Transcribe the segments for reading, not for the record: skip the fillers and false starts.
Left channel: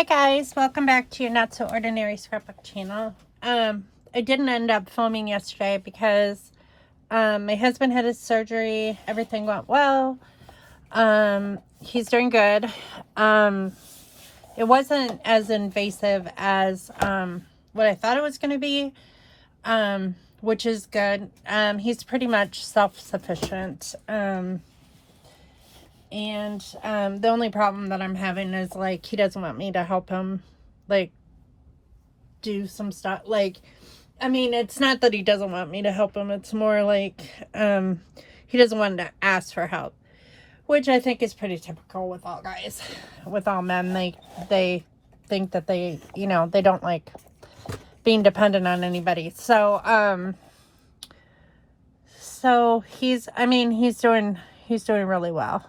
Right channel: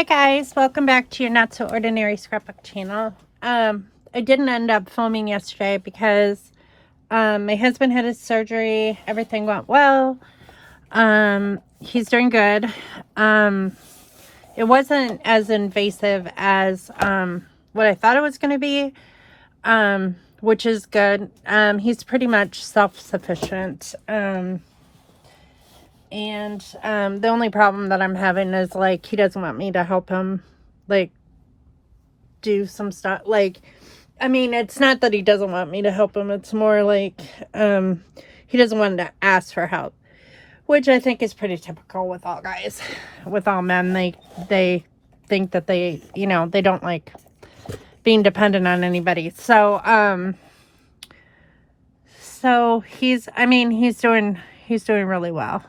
Hi guys, welcome back to your Not So Ordinary Scrapbook channel. I didn't end up filming yesterday because my husband had his surgery. Everything went well. He's doing good. It wasn't as invasive as what I thought it was going to be, which is good. He's pretty much self-sufficient. And the only problem that I'm having is, like, he doesn't want me to help him, like, do some stuff. Like, I mean, it's not that he doesn't want me to help him. It's more like, he doesn't want to ask for help, which I think is pretty typical with all guys, with all men. They think that they, you know, they don't like being dependent on anybody. So, so he's doing really well.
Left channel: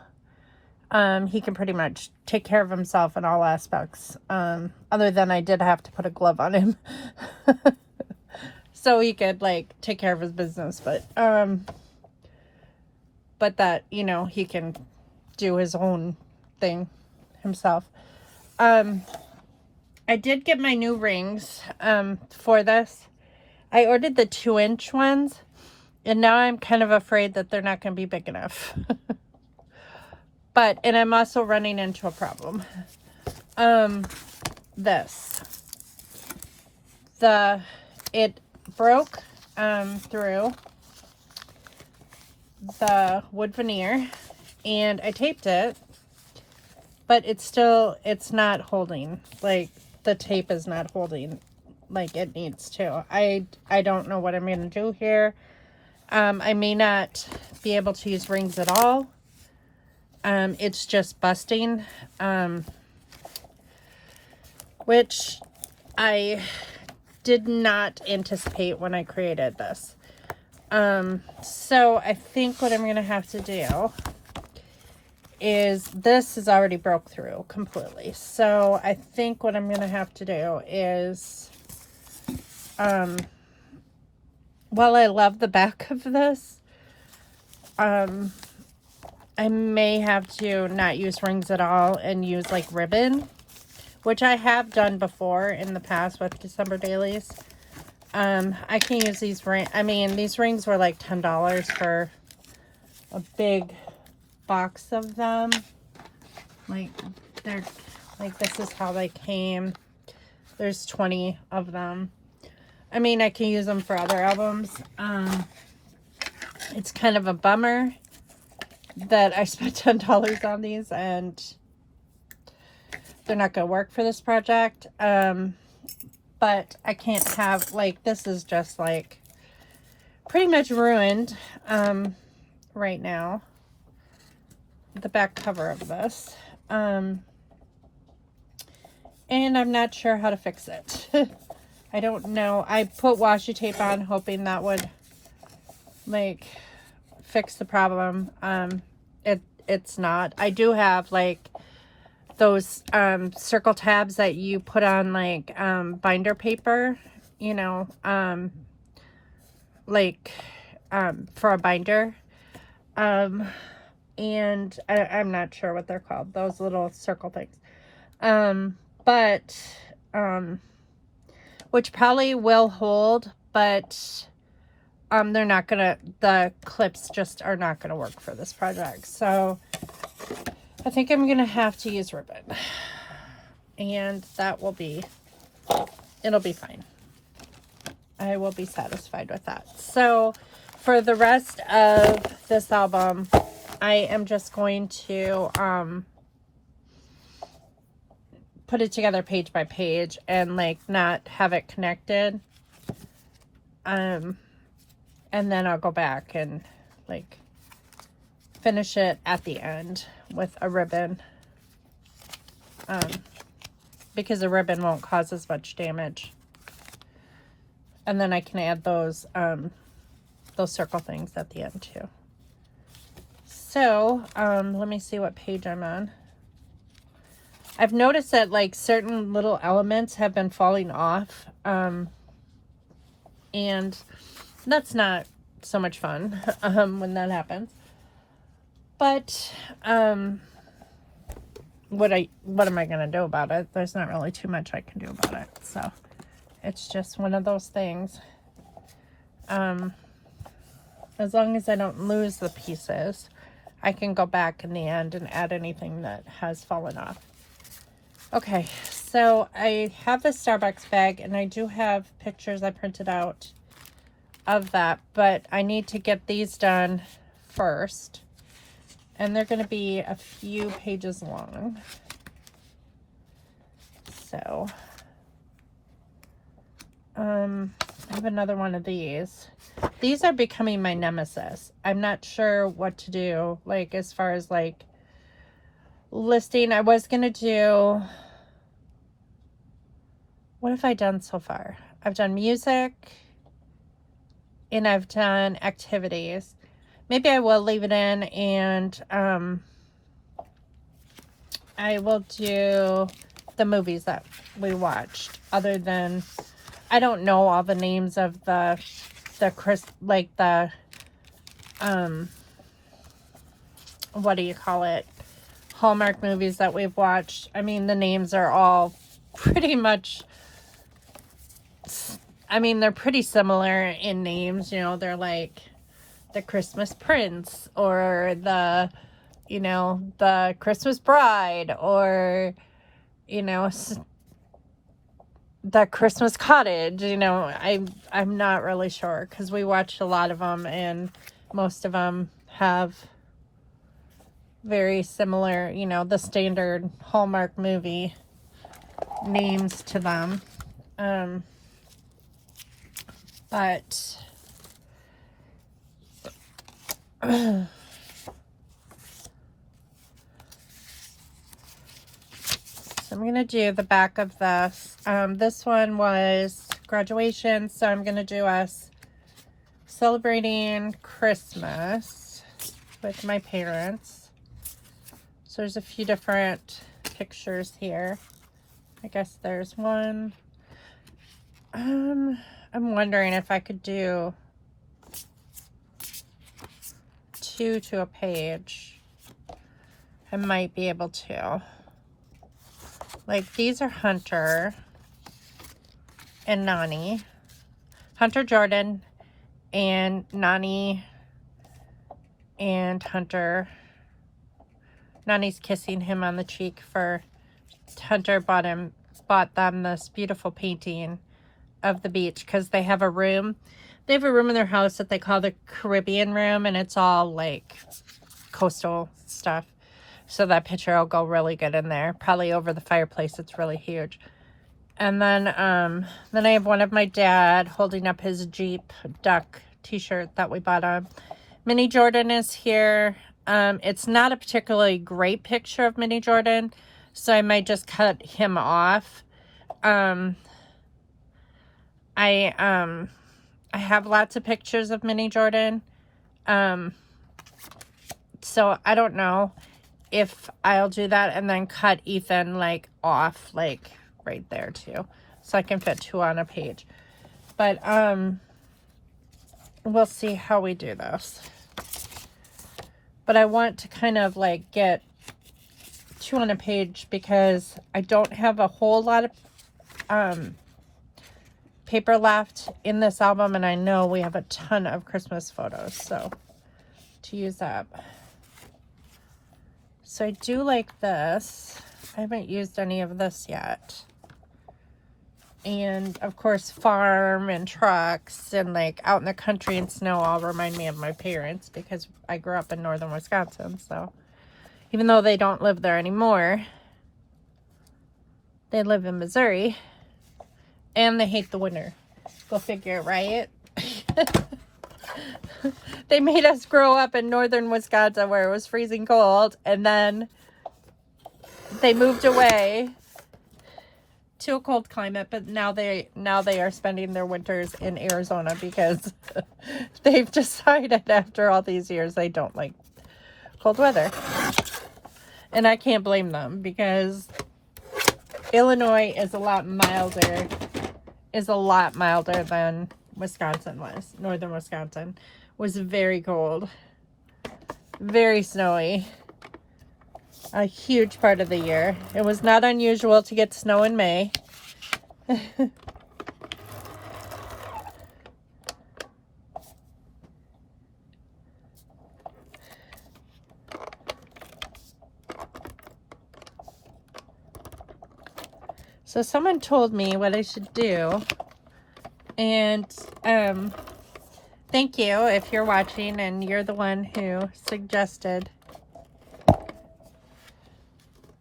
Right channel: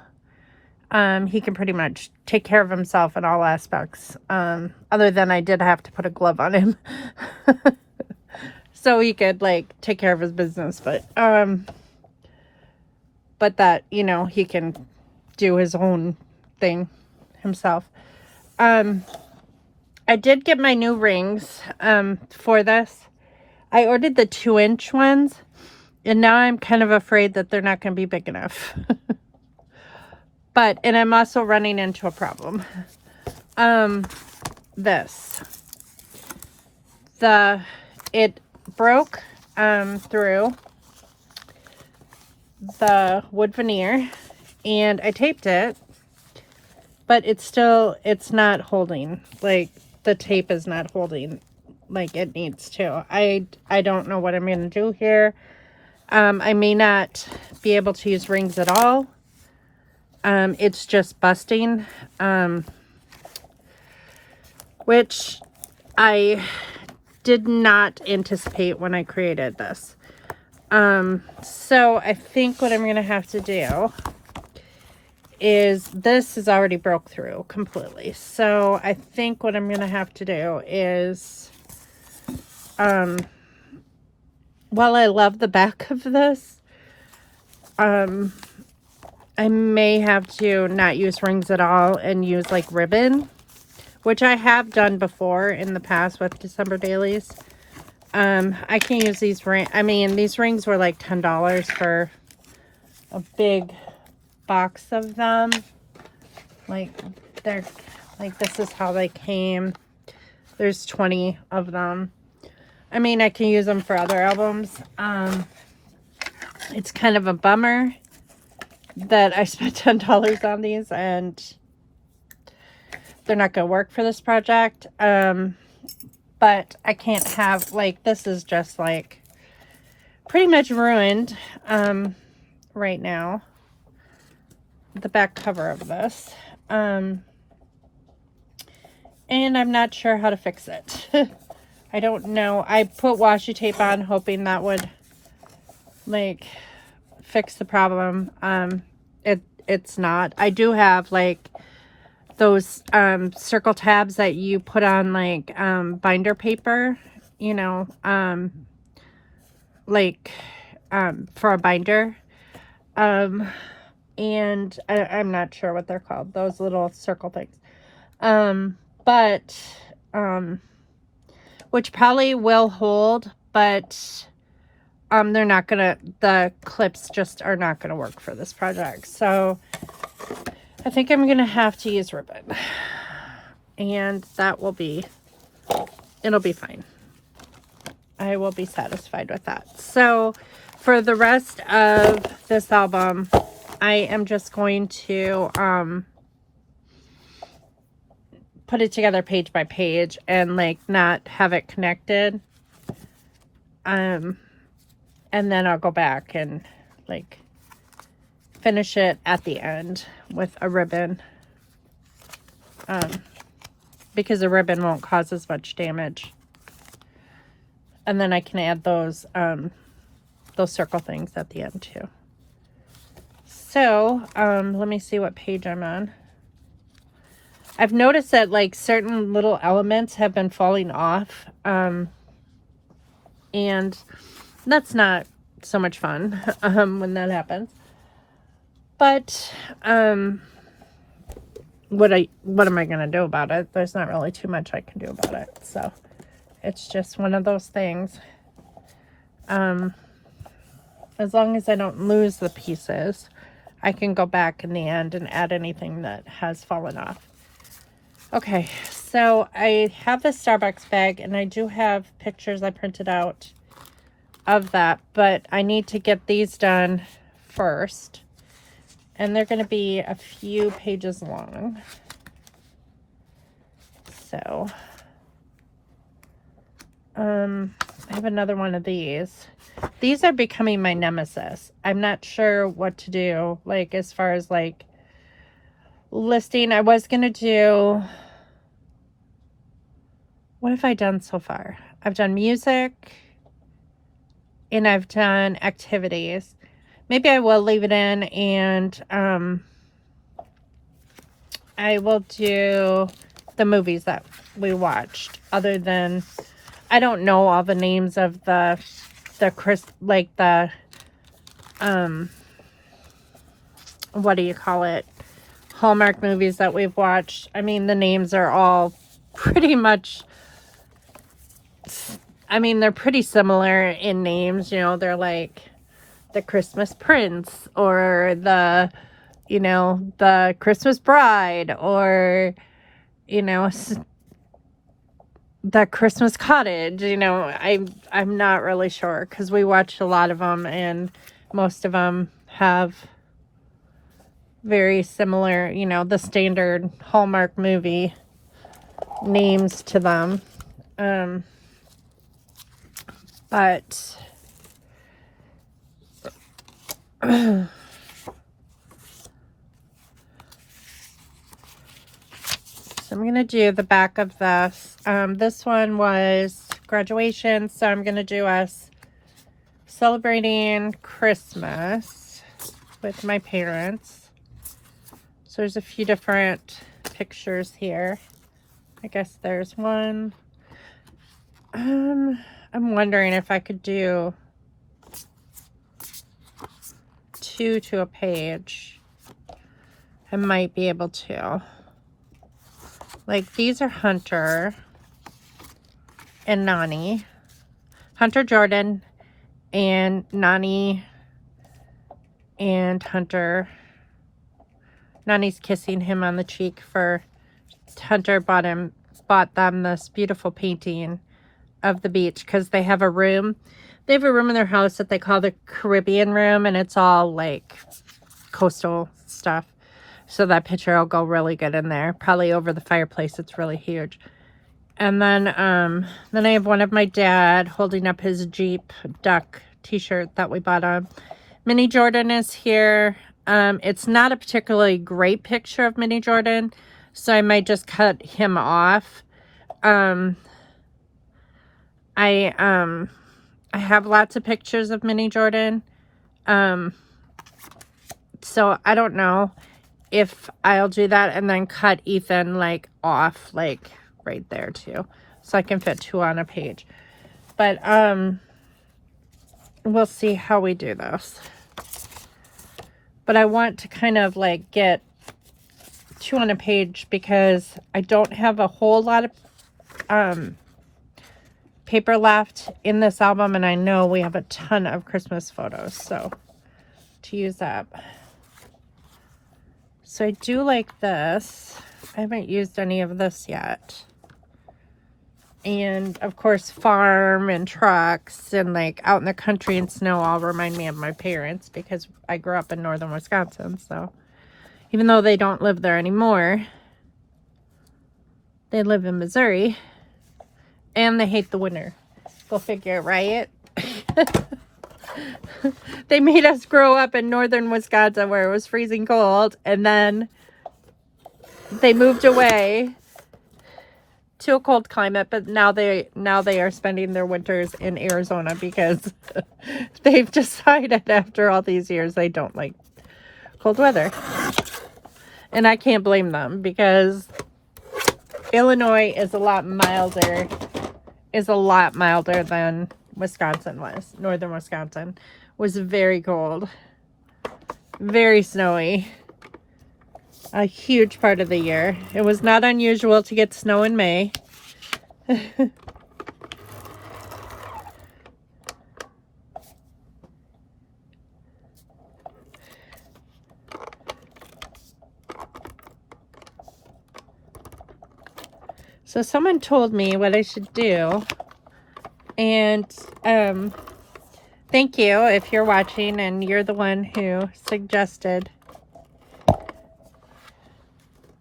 He can pretty much take care of himself in all aspects. Other than I did have to put a glove on him. So he could, like, take care of his business. But that, you know, he can do his own thing himself. I did get my new rings, for this. I ordered the 2-inch ones. And now I'm kind of afraid that they're not going to be big enough. And I'm also running into a problem. It broke through the wood veneer, and I taped it, but it's not holding. Like, the tape is not holding like it needs to. I don't know what I'm going to do here. I may not be able to use rings at all. It's just busting, which I did not anticipate when I created this. So I think what I'm going to have to do is, this is already broke through completely. So I think what I'm going to have to do is, while I love the back of this, I may have to not use rings at all and use, like, ribbon, which I have done before in the past with December dailies. I can use these rings. I mean, these rings were like $10 for a big box of them. Like, they're like, this is how they came. There's 20 of them. I mean, I can use them for other albums. It's kind of a bummer that I spent $10 on these and they're not going to work for this project. But I can't have, like, this is just, like, pretty much ruined right now. The back cover of this. And I'm not sure how to fix it. I don't know. I put washi tape on hoping that would, like, fix the problem. It's not. I do have, like, those circle tabs that you put on, like, binder paper, you know, like, for a binder. And I'm not sure what they're called, those little circle things. Which probably will hold, but they're not gonna, the clips just are not gonna work for this project. So I think I'm gonna have to use ribbon, and that will be, it'll be fine. I will be satisfied with that. So for the rest of this album, I am just going to put it together page by page and, like, not have it connected. And then I'll go back and, like, finish it at the end with a ribbon. Because a ribbon won't cause as much damage. And then I can add those circle things at the end too. So, let me see what page I'm on. I've noticed that, like, certain little elements have been falling off. And that's not so much fun when that happens. But what am I gonna do about it? There's not really too much I can do about it. So it's just one of those things. As long as I don't lose the pieces, I can go back in the end and add anything that has fallen off. Okay, so I have this Starbucks bag, and I do have pictures I printed out of that, but I need to get these done first. And they're going to be a few pages long. So, I have another one of these. These are becoming my nemesis. I'm not sure what to do, like, as far as, like, listing. I was going to do... What have I done so far? I've done music, and I've done activities. Maybe I will leave it in, and I will do the movies that we watched. Other than, I don't know all the names of the what do you call it? Hallmark movies that we've watched. I mean, the names are all pretty much, I mean, they're pretty similar in names. You know, they're like the Christmas Prince, or the, you know, the Christmas Bride, or, you know, the Christmas Cottage. You know, I'm not really sure, because we watched a lot of them, and most of them have very similar, you know, the standard Hallmark movie names to them. But so I'm going to do the back of this. This one was graduation, so I'm going to do us celebrating Christmas with my parents. So there's a few different pictures here. I guess there's one. I'm wondering if I could do 2 to a page. I might be able to. Like, these are Hunter and Nani. Hunter Jordan and Nani and Hunter. Nani's kissing him on the cheek for Hunter bought them this beautiful painting of the beach, because they have a room. They have a room in their house that they call the Caribbean room, and it's all like coastal stuff. So that picture will go really good in there. Probably over the fireplace. It's really huge. And then I have one of my dad holding up his Jeep Duck t-shirt that we bought on. Minnie Jordan is here. It's not a particularly great picture of Minnie Jordan, so I might just cut him off. I have lots of pictures of Minnie Jordan. So I don't know if I'll do that and then cut Ethan like off, like right there too, so I can fit 2 on a page. But we'll see how we do this. But I want to kind of like get 2 on a page, because I don't have a whole lot of paper left in this album, and I know we have a ton of Christmas photos, so to use up. So I do like this. I haven't used any of this yet. And of course, farm and trucks and like out in the country and snow all remind me of my parents, because I grew up in northern Wisconsin. So even though they don't live there anymore, they live in Missouri, and they hate the winter. Go figure, right? They made us grow up in northern Wisconsin where it was freezing cold, and then they moved away to a cold climate, but now they are spending their winters in Arizona, because they've decided after all these years they don't like cold weather. And I can't blame them, because Illinois is a lot milder than Wisconsin was. Northern Wisconsin was very cold, very snowy, a huge part of the year. It was not unusual to get snow in May. So someone told me what I should do, and thank you if you're watching and you're the one who suggested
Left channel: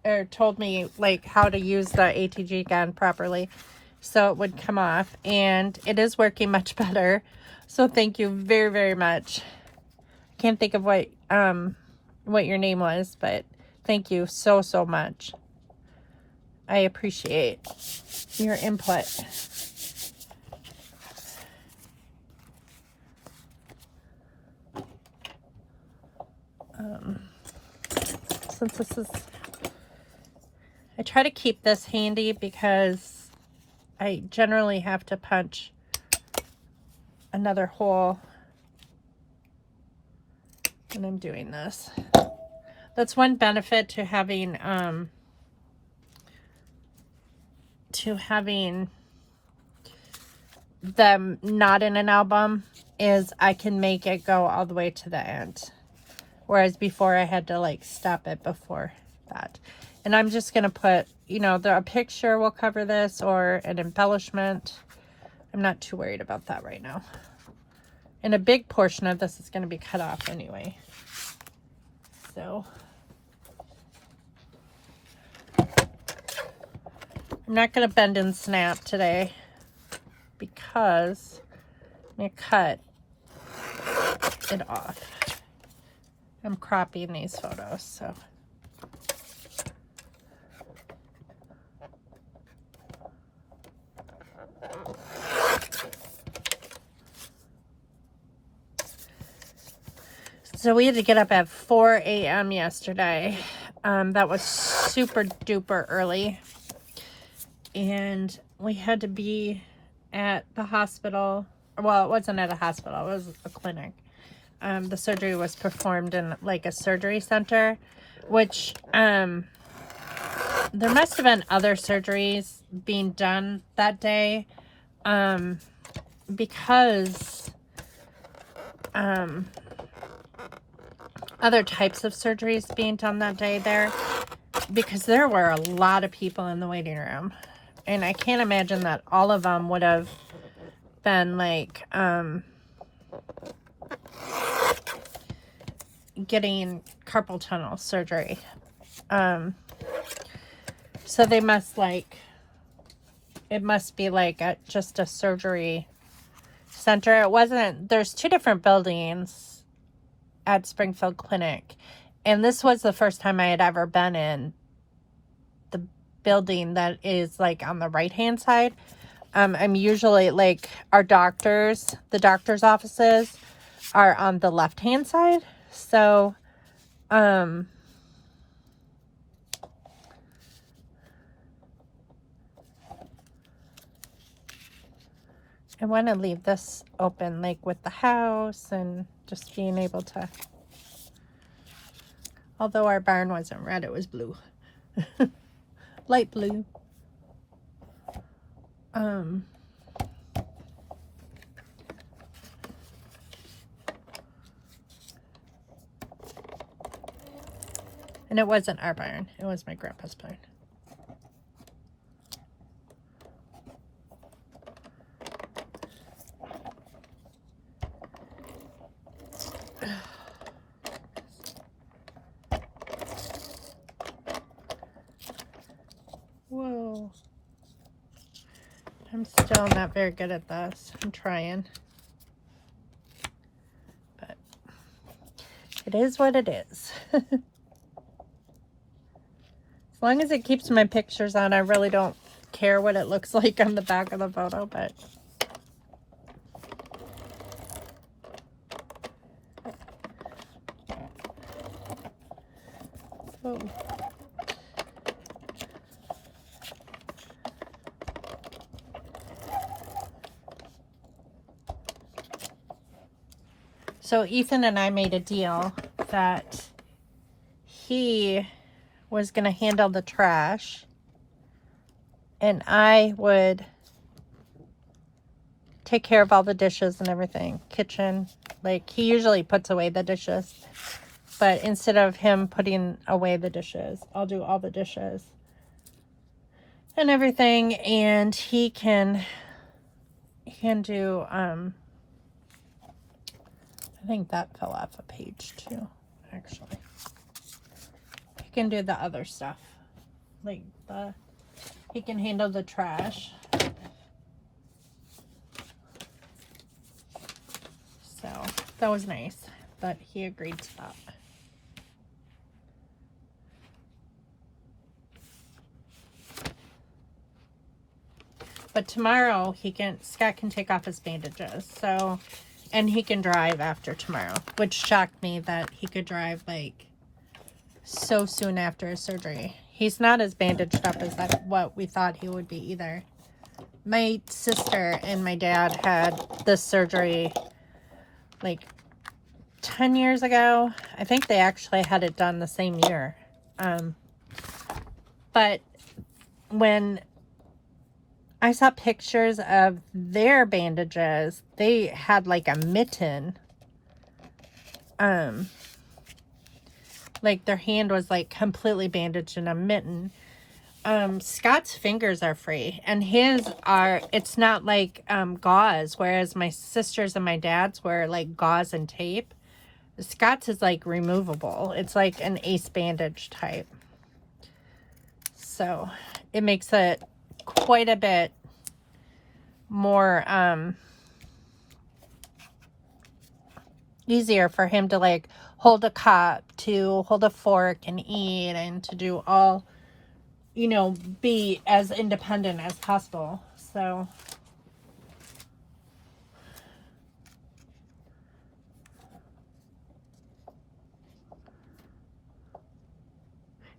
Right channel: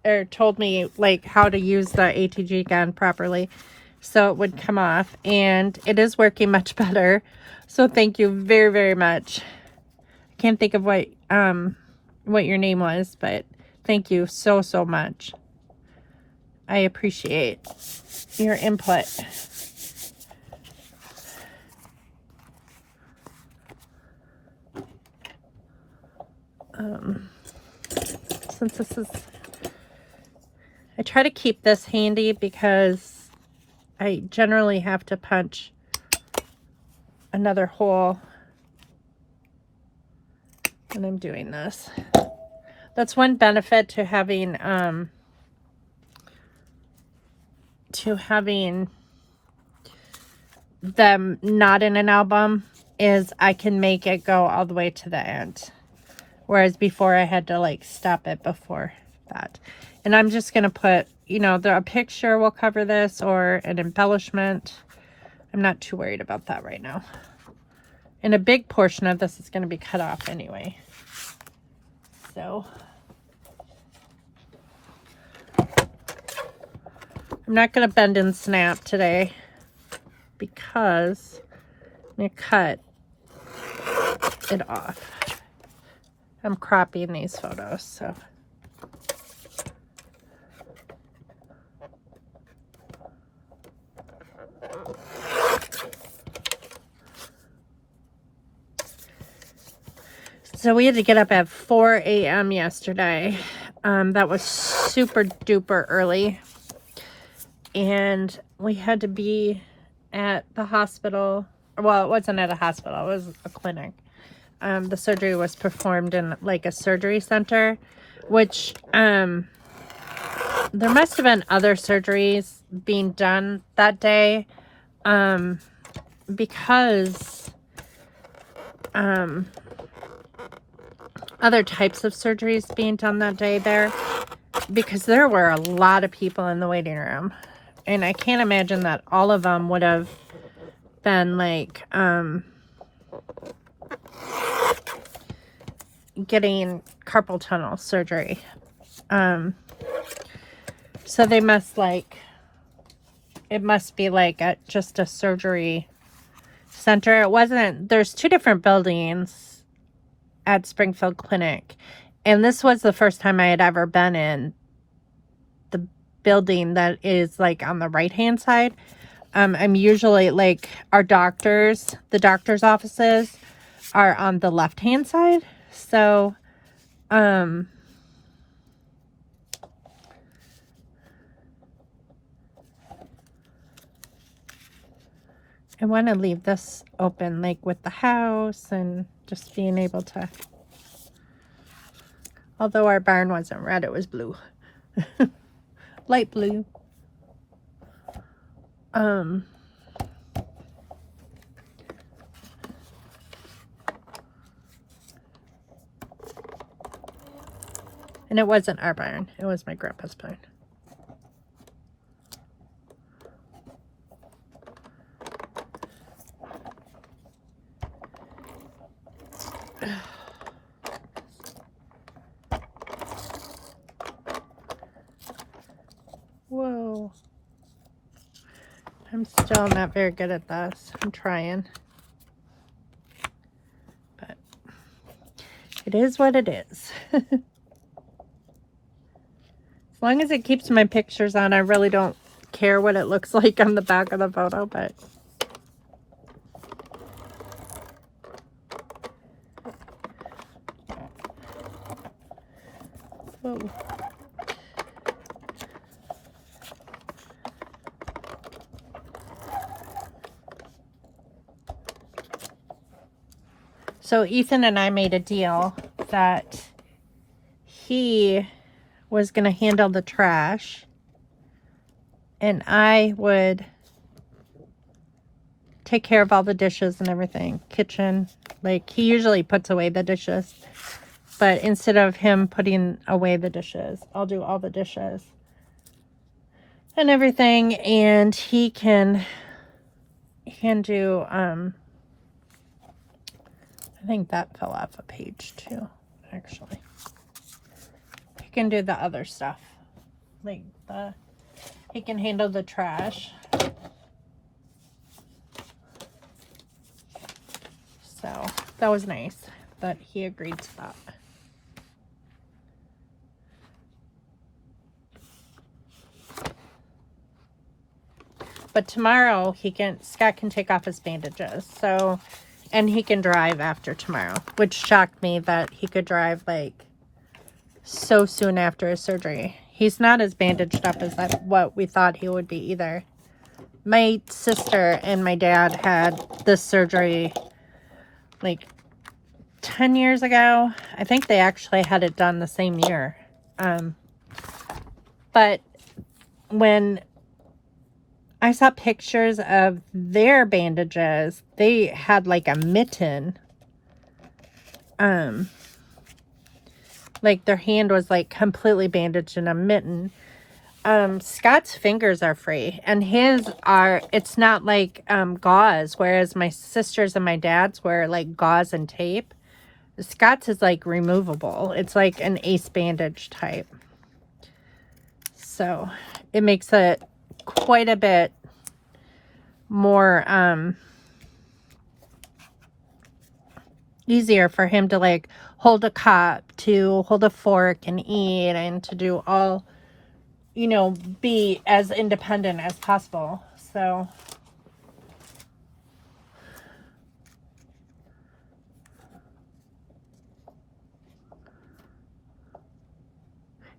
or told me like how to use the ATG gun properly so it would come off, and it is working much better. So thank you very, very much. Can't think of what your name was, but thank you so, so much. I appreciate your input. Since this is, I try to keep this handy because I generally have to punch another hole when I'm doing this. That's one benefit to having them not in an album is I can make it go all the way to the end, whereas before I had to like stop it before that. And I'm just gonna put, you know, a picture will cover this or an embellishment. I'm not too worried about that right now, and a big portion of this is going to be cut off anyway, so I'm not going to bend and snap today because I'm going to cut it off. I'm cropping these photos, so. So we had to get up at 4 a.m. yesterday. That was super duper early. And we had to be at the hospital. Well, it wasn't at a hospital, it was a clinic. The surgery was performed in like a surgery center, which there must have been other surgeries being done that day, because other types of surgeries being done that day there, because there were a lot of people in the waiting room, and I can't imagine that all of them would have been like getting carpal tunnel surgery. So they must it must be like just a surgery center. It wasn't, there's two different buildings at Springfield Clinic, and this was the first time I had ever been in the building that is like on the right hand side. I'm usually like the doctor's offices are on the left hand side, so I want to leave this open, like with the house and just being able to, although our barn wasn't red, it was blue. Light blue. And it wasn't our barn, it was my grandpa's barn. Whoa. I'm still not very good at this. I'm trying. But it is what it is. As long as it keeps my pictures on, I really don't care what it looks like on the back of the photo, but whoa. So Ethan and I made a deal that he was going to handle the trash. And I would take care of all the dishes and everything. Kitchen. Like, he usually puts away the dishes. But instead of him putting away the dishes, I'll do all the dishes and everything. And he can do, I think that fell off a page too, actually. He can do the other stuff. Like, he can handle the trash. So, that was nice that he agreed to that. But tomorrow, Scott can take off his bandages. So, and he can drive after tomorrow. Which shocked me that he could drive, like, so soon after his surgery. He's not as bandaged up as what we thought he would be either. My sister and my dad had this surgery, like, 10 years ago. I think they actually had it done the same year. But when I saw pictures of their bandages, they had like a mitten. Like their hand was like completely bandaged in a mitten. Scott's fingers are free, and it's not like gauze, whereas my sister's and my dad's were like gauze and tape. Scott's is like removable. It's like an ace bandage type. So it makes it quite a bit more easier for him to like hold a cup, to hold a fork and eat, and to do all, you know, be as independent as possible. So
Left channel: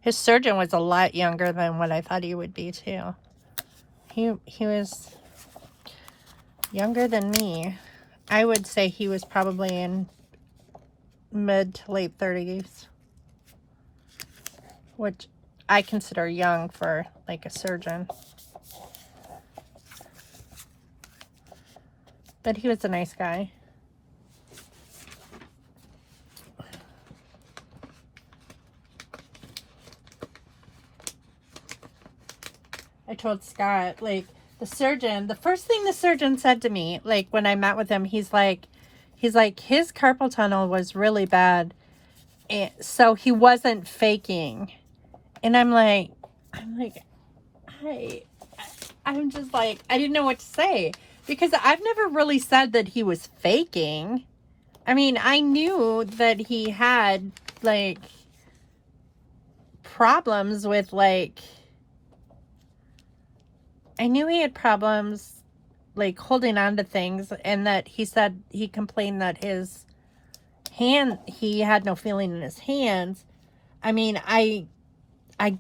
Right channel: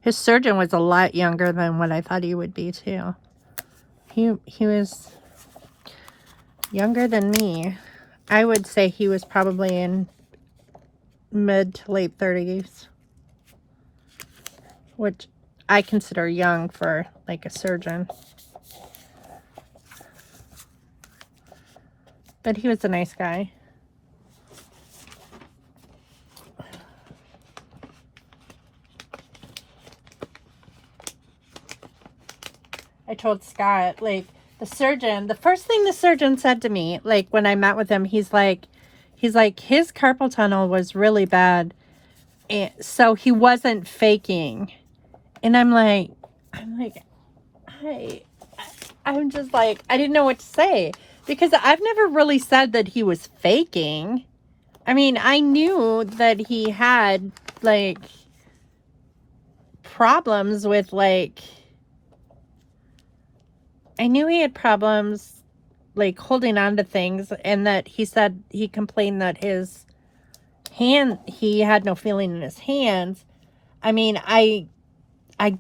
his surgeon was a lot younger than what I thought he would be too. He was younger than me. I would say he was probably in mid to late 30s, which I consider young for like a surgeon. But he was a nice guy. I told Scott, like, the first thing the surgeon said to me, like, when I met with him, he's like, his carpal tunnel was really bad. And so he wasn't faking. And I'm just like, I didn't know what to say. Because I've never really said that he was faking. I mean, I knew that he had, like, problems with, like, I knew he had problems, like, holding on to things, and that he complained that he had no feeling in his hands. I mean, I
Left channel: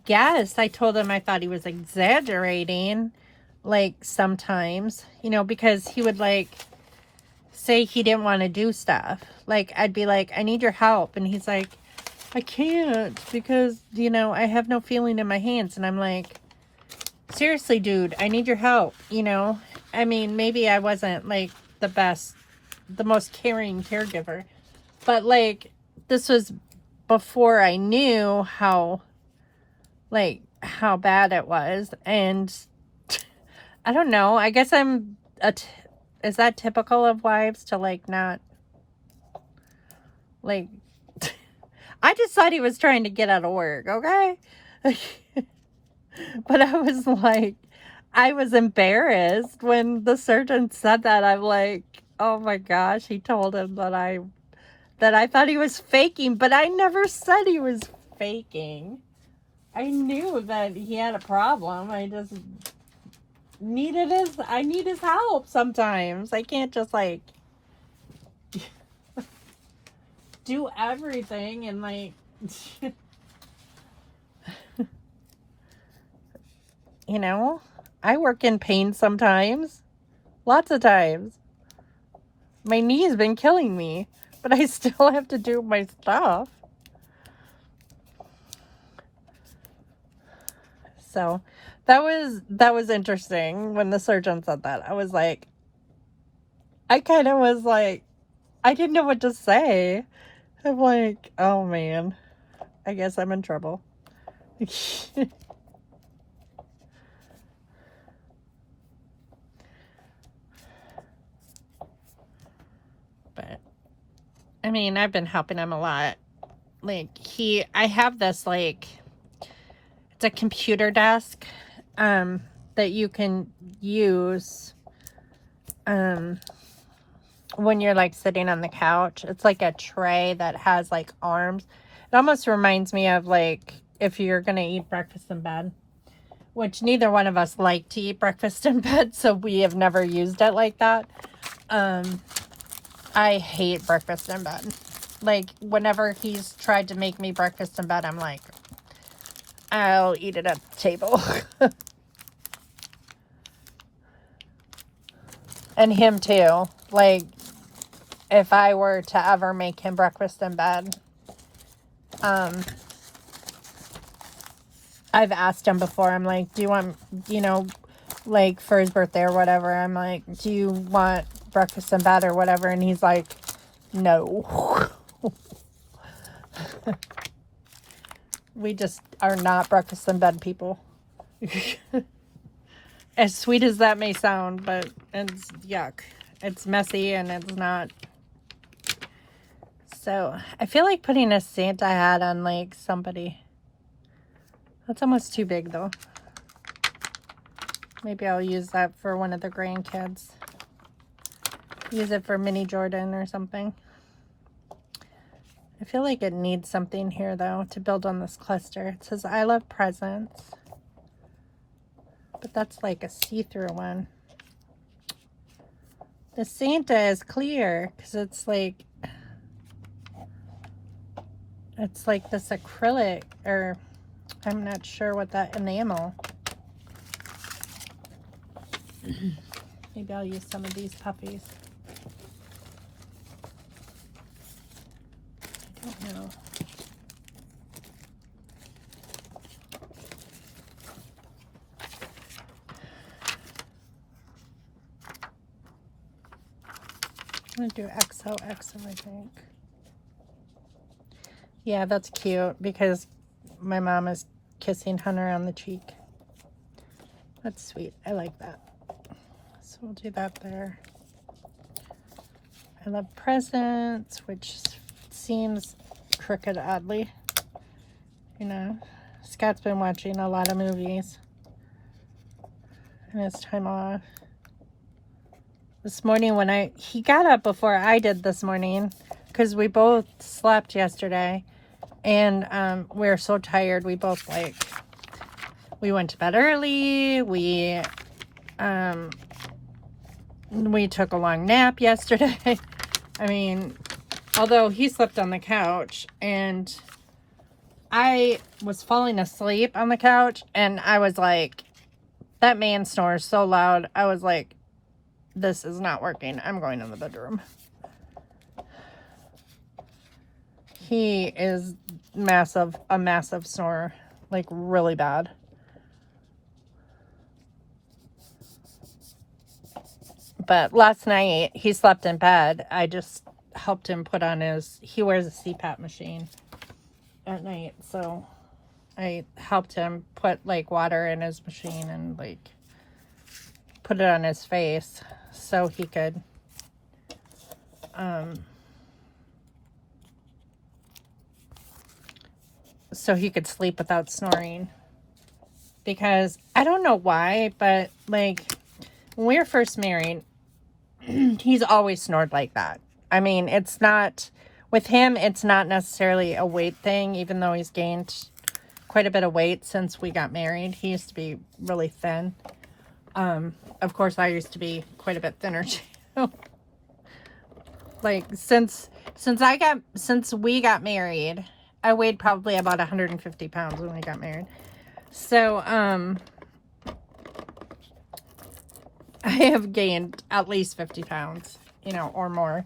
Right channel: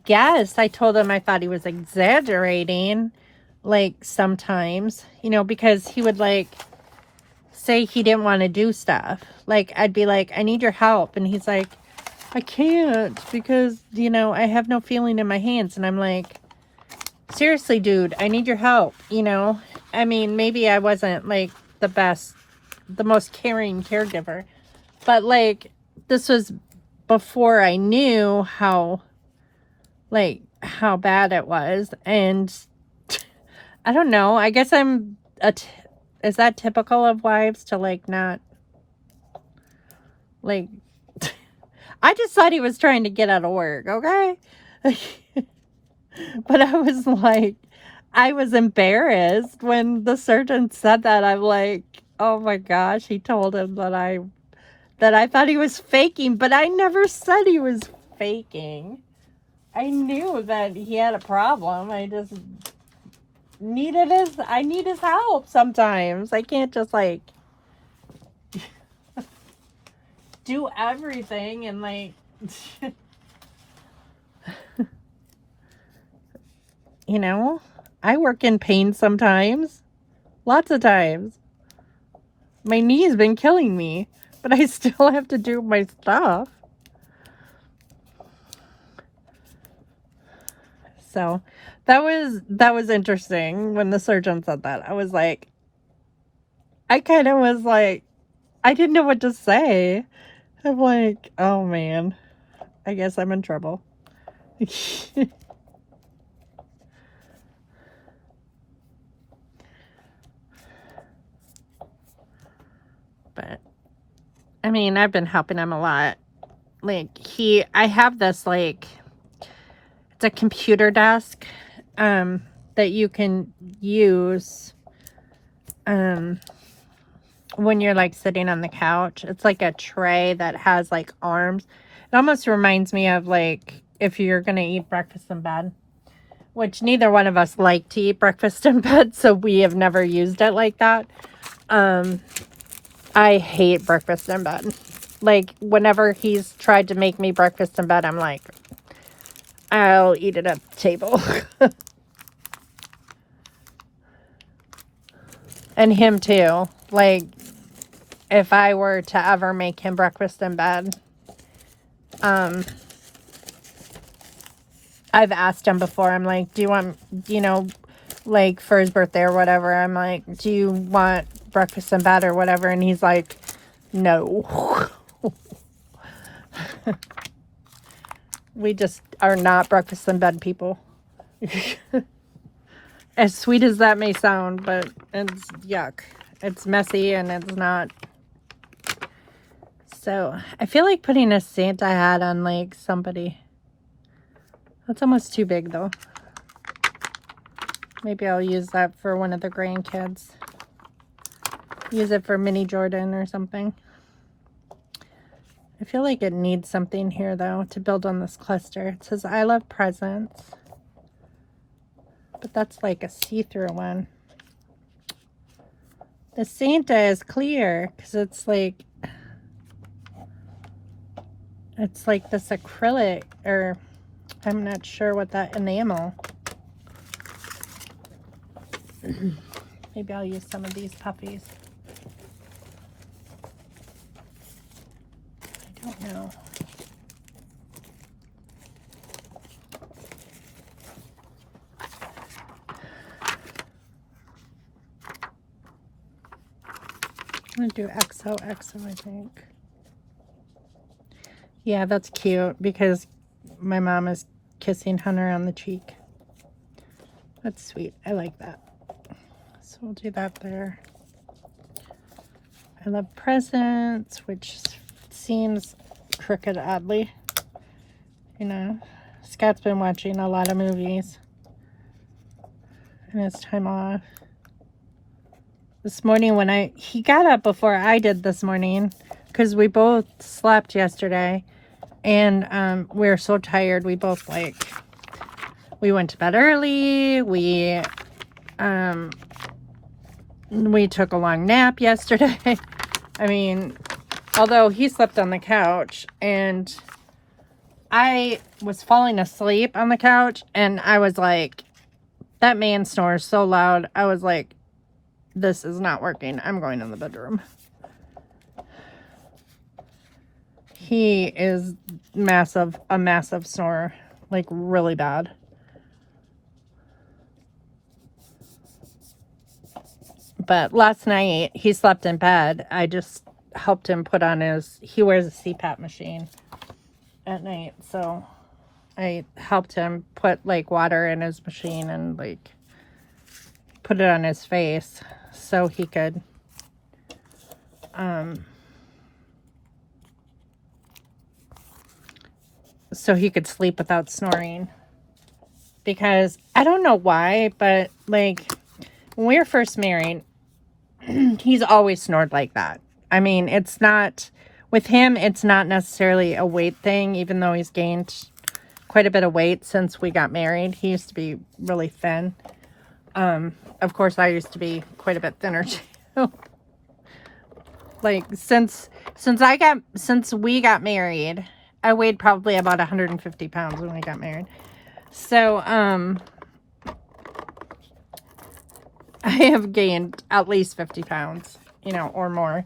guess I told him I thought he was exaggerating, like, sometimes, you know, because he would, like, say he didn't want to do stuff. Like, I'd be like, I need your help, and he's like, I can't, because, you know, I have no feeling in my hands. And I'm like, seriously, dude, I need your help, you know? I mean, maybe I wasn't, like, the most caring caregiver. But, like, this was before I knew how bad it was. And I don't know. I guess is that typical of wives to, like, not, like, I just thought he was trying to get out of work, okay? But I was like, I was embarrassed when the surgeon said that. I'm like, oh my gosh, he told him that I thought he was faking, but I never said he was faking. I knew that he had a problem. I just need his help sometimes. I can't just, like, do everything and, like, you know, I work in pain sometimes. Lots of times. My knee's been killing me, but I still have to do my stuff. So that was interesting when the surgeon said that. I was like, I kind of was like, I didn't know what to say. I'm like, oh man, I guess I'm in trouble. But I mean, I've been helping him a lot. Like I have this like, it's a computer desk that you can use when you're like sitting on the couch. It's like a tray that has like arms. It almost reminds me of like if you're gonna eat breakfast in bed, which neither one of us like to eat breakfast in bed, so we have never used it like that. I hate breakfast in bed. Like whenever he's tried to make me breakfast in bed, I'm like, I'll eat it at the table. And him too. Like, if I were to ever make him breakfast in bed, I've asked him before, I'm like, do you want, you know, like for his birthday or whatever, I'm like, do you want breakfast in bed or whatever? And he's like, no. We just are not breakfast in bed people. As sweet as that may sound, but it's yuck. It's messy and it's not. So I feel like putting a Santa hat on like somebody. That's almost too big though. Maybe I'll use that for one of the grandkids. Use it for mini Jordan or something. I feel like it needs something here though to build on this cluster. It says I love presents. But that's like a see-through one. The Santa is clear because it's like this acrylic, or I'm not sure what that enamel. Maybe I'll use some of these puppies. I don't know. I'm gonna do XOXO, I think. Yeah, that's cute because my mom is kissing Hunter on the cheek. That's sweet. I like that. So we'll do that there. I love presents, which seems crooked oddly. You know, Scott's been watching a lot of movies in his time off. This morning when he got up before I did this morning because we both slept yesterday and we were so tired. We both we went to bed early. We took a long nap yesterday. I mean, although he slept on the couch and I was falling asleep on the couch and I was like, that man snores so loud. I was like, this is not working. I'm going in the bedroom. He is a massive snorer, like really bad. But last night he slept in bed. I just helped him put on he wears a CPAP machine at night. So I helped him put like water in his machine and like put it on his face so he could sleep without snoring. Because I don't know why, but like when we were first married, he's always snored like that. I mean, it's not with him, it's not necessarily a weight thing, even though he's gained quite a bit of weight since we got married. He used to be really thin. Of course, I used to be quite a bit thinner too. Like since we got married, I weighed probably about 150 pounds when we got married. So, I have gained at least 50 pounds, you know, or more,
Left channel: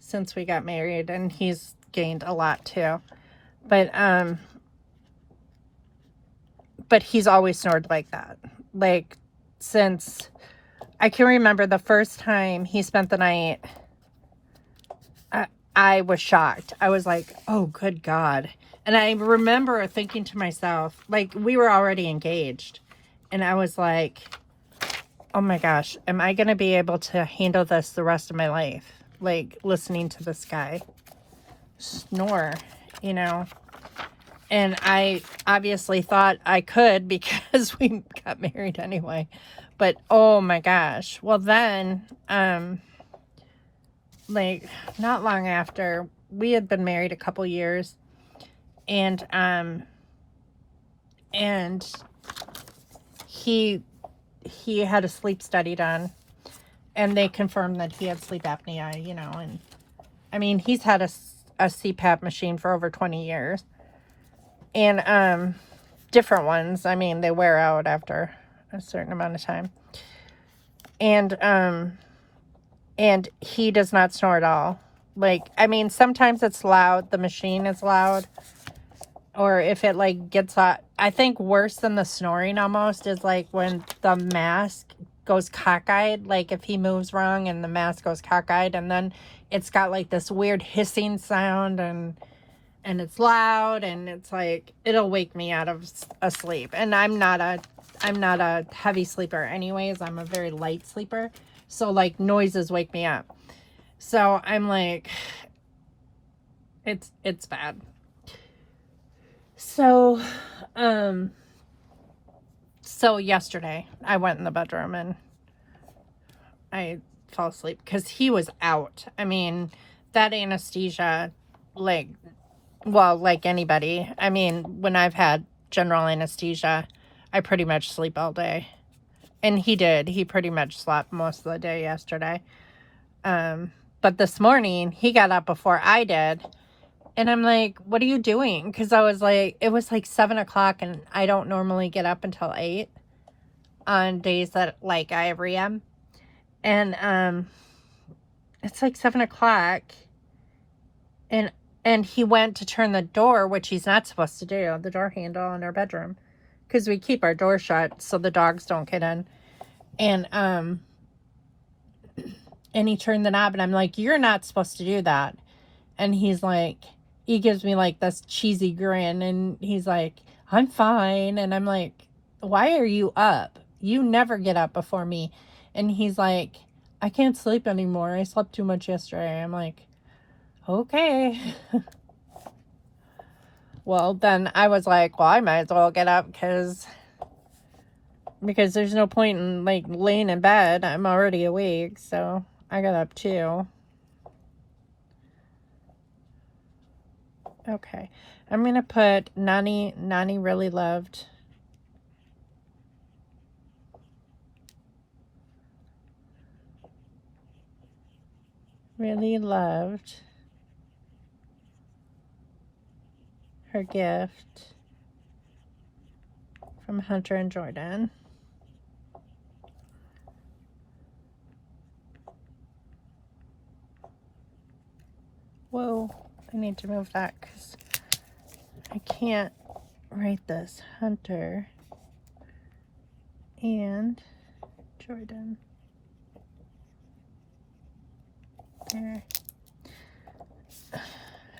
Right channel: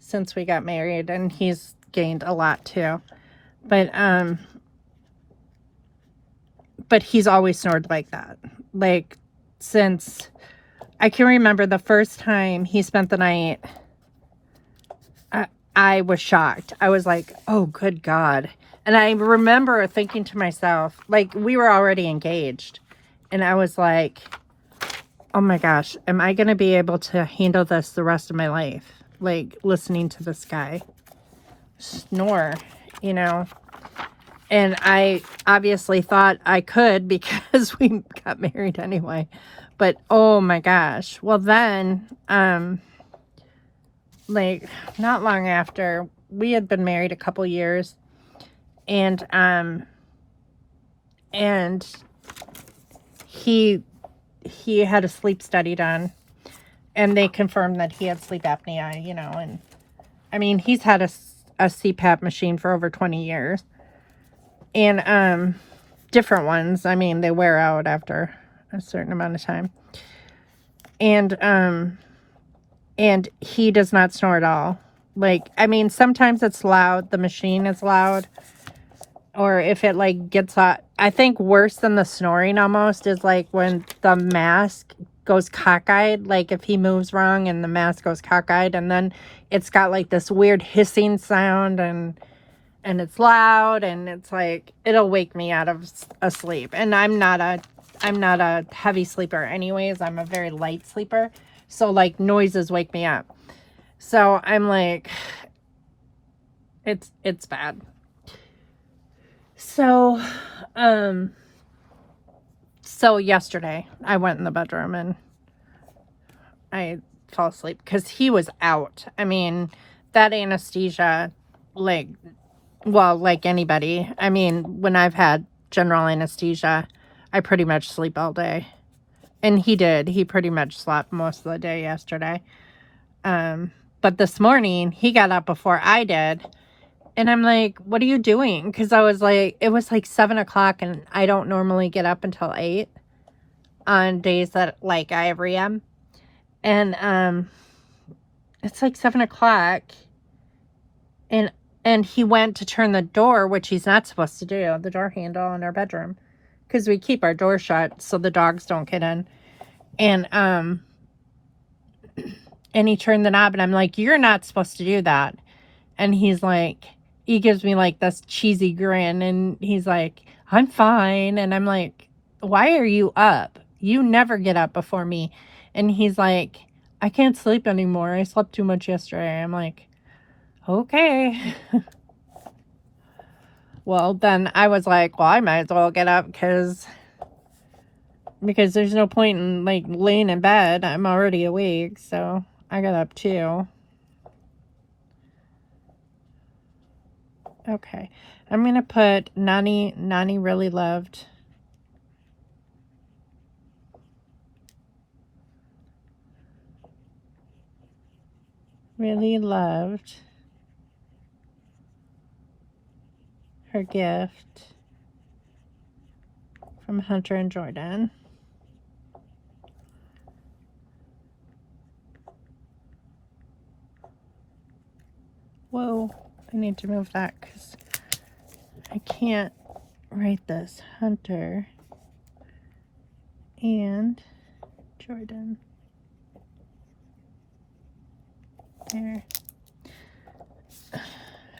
since we got married, and he's gained a lot too. but he's always snored like that. Like, since I can remember the first time he spent the night, I was shocked. I was like, oh, good God. And I remember thinking to myself, like, we were already engaged. And I was like, oh my gosh, am I going to be able to handle this the rest of my life? Like, listening to this guy snore, you know? And I obviously thought I could because we got married anyway. But, oh my gosh. Well, then, like, not long after, we had been married a couple years, and he had a sleep study done, and they confirmed that he had sleep apnea, you know. And I mean, he's had a CPAP machine for over 20 years, and different ones. I mean, they wear out after a certain amount of time, and he does not snore at all. Like, I mean, sometimes it's loud, the machine is loud, or if it like gets hot. I think worse than the snoring almost is like when the mask goes cockeyed, like if he moves wrong and the mask goes cockeyed, and then it's got like this weird hissing sound, and it's loud, and it's like, it'll wake me out of a sleep. And I'm not a heavy sleeper anyways. I'm a very light sleeper. So like noises wake me up. So I'm like, it's bad. So, so yesterday I went in the bedroom and I fell asleep because he was out. I mean, that anesthesia, like, well, like anybody, I mean, when I've had general anesthesia, I pretty much sleep all day. And he did. He pretty much slept most of the day yesterday. But this morning, he got up before I did. And I'm like, what are you doing? Because I was like, it was like 7 o'clock, and I don't normally get up until 8 on days that, like, I have REM. And it's like 7 o'clock. And he went to turn the door, which he's not supposed to do, the door handle in our bedroom, because we keep our door shut so the dogs don't get in. And he turned the knob, and I'm like, you're not supposed to do that. And he's like, he gives me like this cheesy grin, and he's like, I'm fine. And I'm like, why are you up? You never get up before me. And he's like, I can't sleep anymore. I slept too much yesterday. I'm like, okay. Well, then I was like, well, I might as well get up because there's no point in like laying in bed. I'm already awake. So I got up too. Okay. I'm going to put Nani really loved. Really loved her gift from Hunter and Jordan. Whoa, I need to move that because I can't write this. Hunter and Jordan. There. I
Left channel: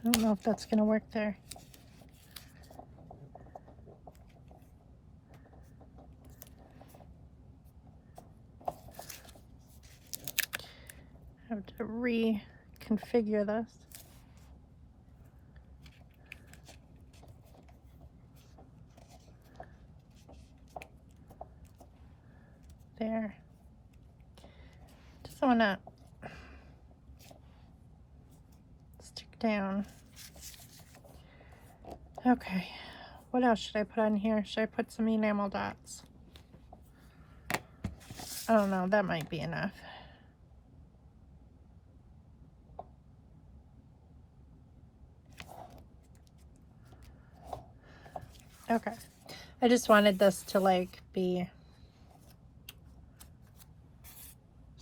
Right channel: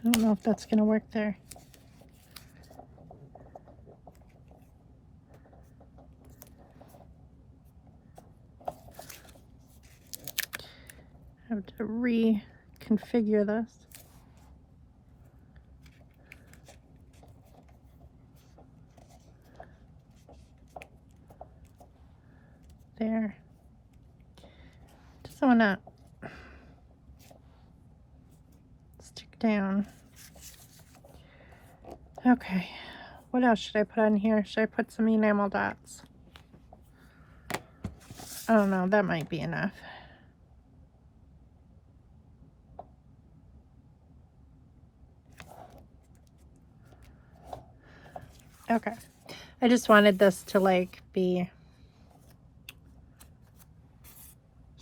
don't know if that's going to work there. I have to reconfigure this. There. Just want to stick down. Okay. What else should I put on here? Should I put some enamel dots? I don't know. That might be enough. Okay. I just wanted this to like be,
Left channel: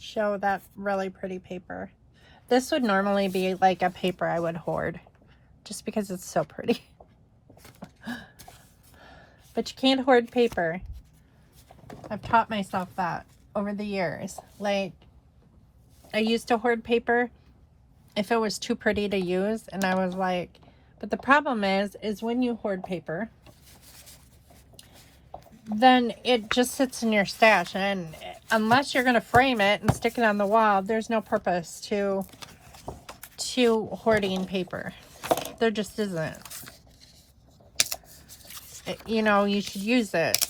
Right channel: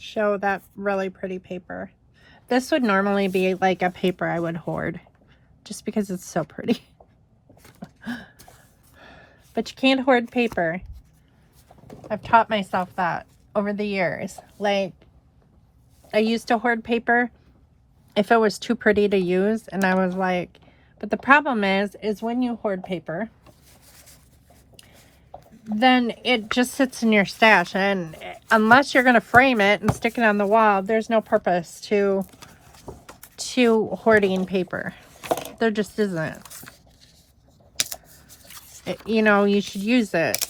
show that really pretty paper. This would normally be like a paper I would hoard just because it's so pretty. But you can't hoard paper. I've taught myself that over the years. Like, I used to hoard paper if it was too pretty to use, and I was like, but the problem is when you hoard paper, then it just sits in your stash, and unless you're going to frame it and stick it on the wall, there's no purpose to hoarding paper. There just isn't. You know, you should use it.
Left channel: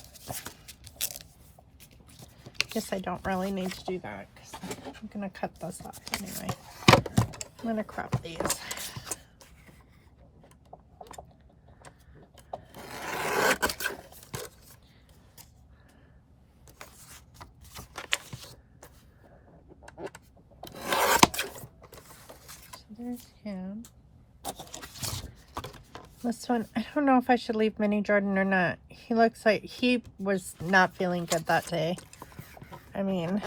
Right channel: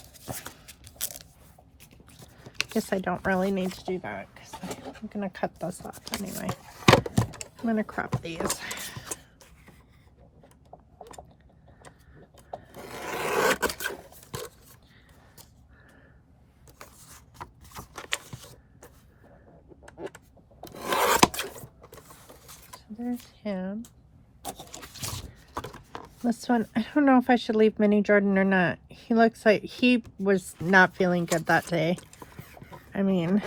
Guess I don't really need to do that, 'cause I'm going to cut this off anyway. I'm going to crop these. There's him. This one, I don't know if I should leave Mini Jordan or not. He looks like he was not feeling good that day. I mean,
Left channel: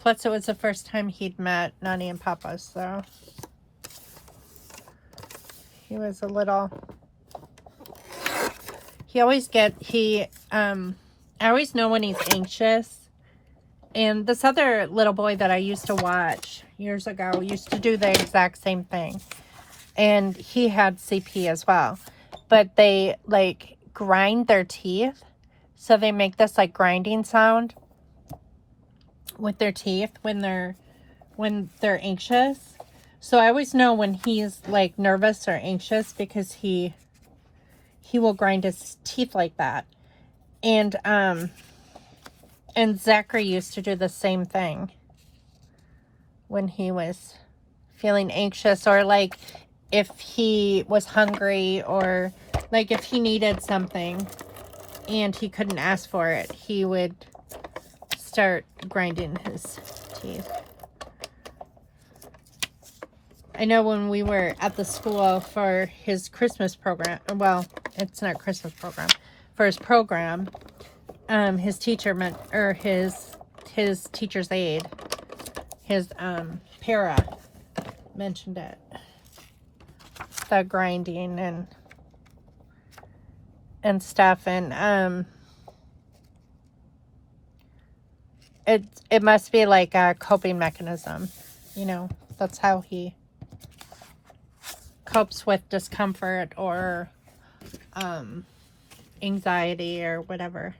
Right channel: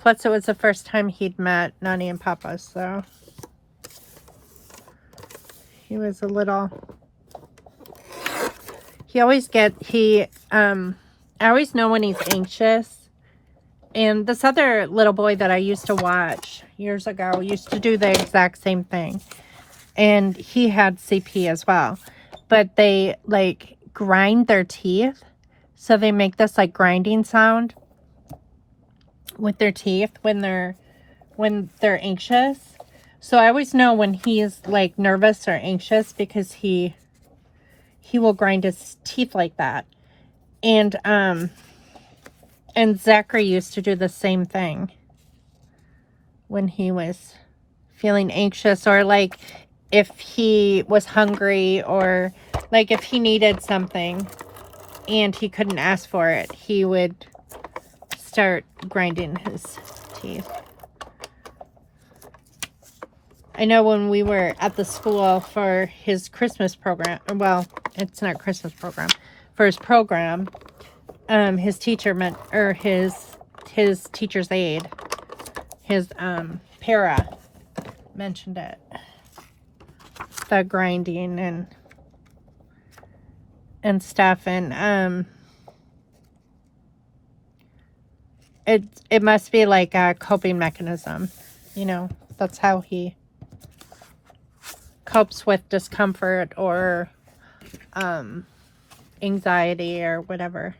plus it was the first time he'd met Nani and Papa, so he was a little, I always know when he's anxious. And this other little boy that I used to watch years ago used to do the exact same thing. And he had CP as well. But they, like, grind their teeth. So they make this, like, grinding sound with their teeth when they're anxious. So I always know when he's, like, nervous or anxious, because he will grind his teeth like that. And Zachary used to do the same thing when he was feeling anxious, or like if he was hungry, or like if he needed something and he couldn't ask for it, he would start grinding his teeth. I know when we were at the school for his Christmas program, well, it's not Christmas program, for his program, his teacher meant, or his teacher's aide, his para mentioned it, the grinding and stuff, and it must be like a coping mechanism, you know. That's how he copes with discomfort or anxiety or whatever.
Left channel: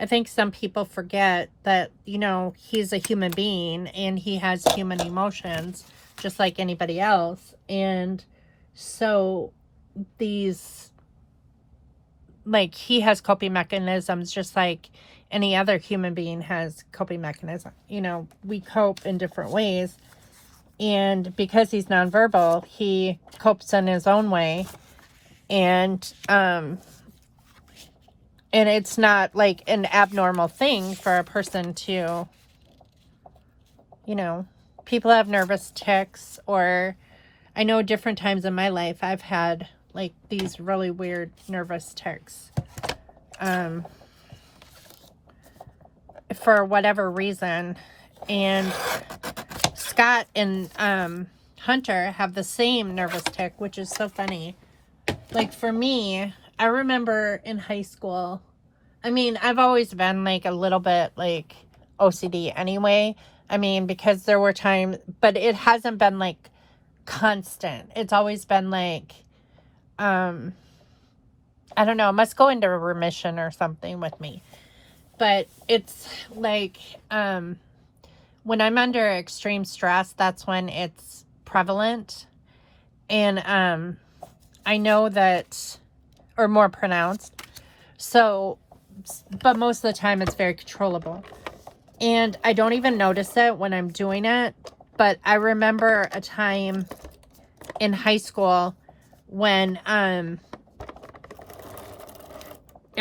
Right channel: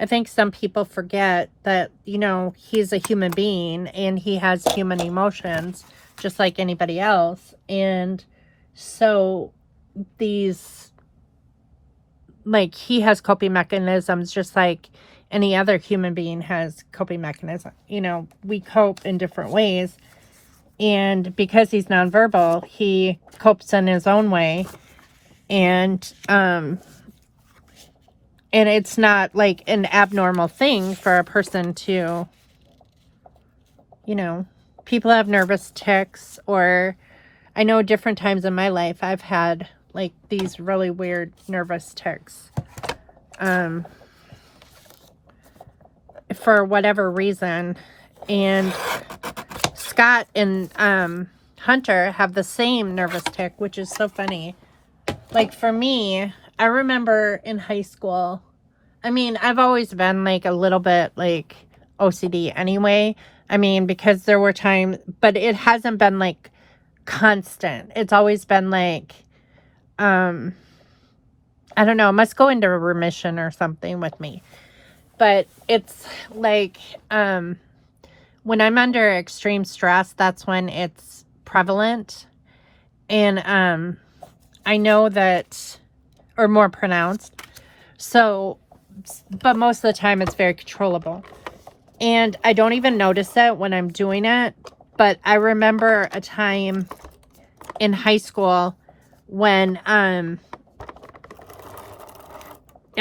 I think some people forget that, you know, he's a human being and he has human emotions just like anybody else. And so these, like, he has coping mechanisms just like any other human being has coping mechanism. You know, we cope in different ways. And because he's nonverbal, he copes in his own way. And it's not like an abnormal thing for a person to, you know, people have nervous tics, or I know different times in my life I've had like these really weird nervous tics. For whatever reason. And Scott and Hunter have the same nervous tic, which is so funny. Like for me, I remember in high school, I mean, I've always been like a little bit like OCD anyway. I mean, because there were times, but it hasn't been like constant. It's always been like, I don't know, it must go into remission or something with me. But it's like, when I'm under extreme stress, that's when it's prevalent. And, I know that, or more pronounced. So, but most of the time it's very controllable. And I don't even notice it when I'm doing it. But I remember a time in high school when, I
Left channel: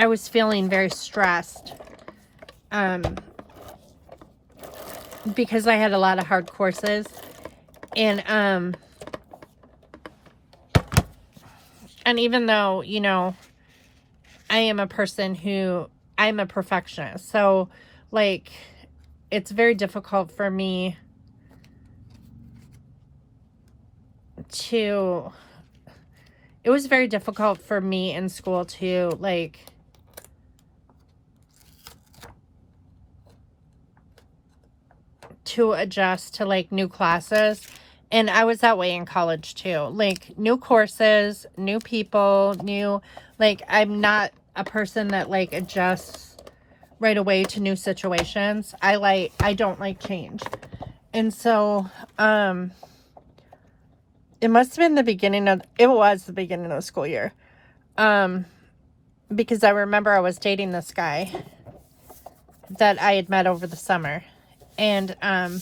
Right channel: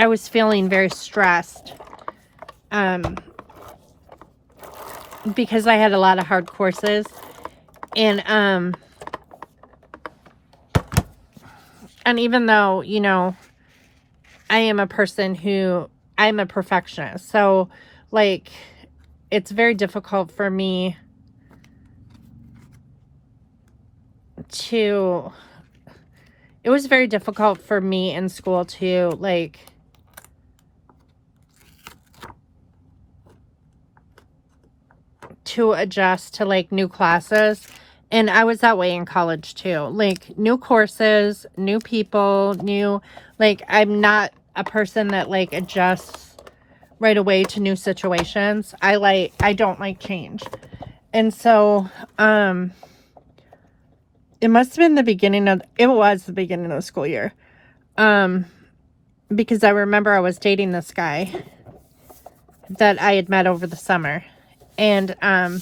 was feeling very stressed. Because I had a lot of hard courses. And, And even though, you know, I am a person who, I'm a perfectionist. So, like, it's very difficult for me to, it was very difficult for me in school to, like, to adjust to, like, new classes. And I was that way in college too. Like, new courses, new people, new, like, I'm not a person that, like, adjusts right away to new situations. I don't like change. And so, it must have been it was the beginning of the school year. Because I remember I was dating this guy that I had met over the summer. And I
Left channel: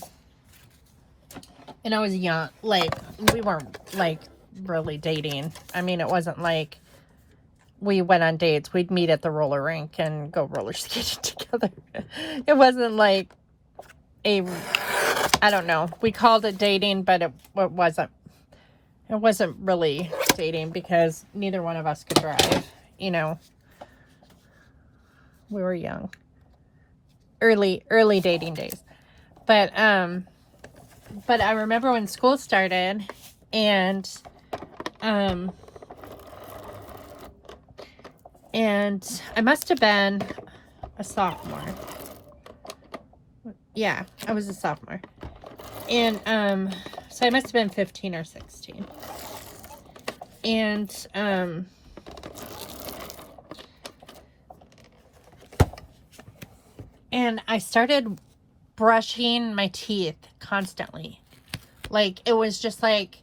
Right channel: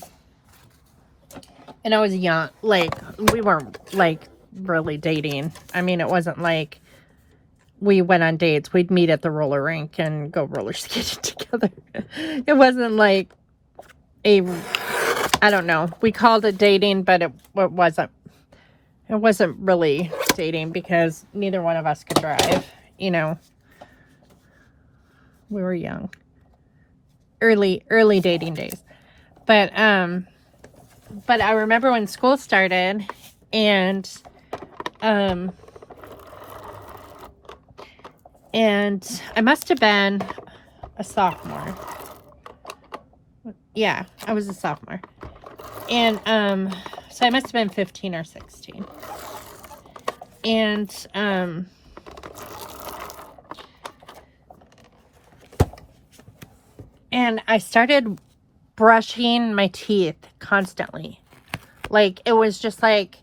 was young. Like, we weren't, like, really dating. I mean, it wasn't like we went on dates. We'd meet at the roller rink and go roller skating together. It wasn't like I don't know. We called it dating, but it wasn't. It wasn't really dating because neither one of us could drive. You know, we were young. Early dating days. But I remember when school started, and I must have been a sophomore. Yeah, I was a sophomore. And so I must have been 15 or 16. And I started brushing my teeth constantly. Like, it was just like,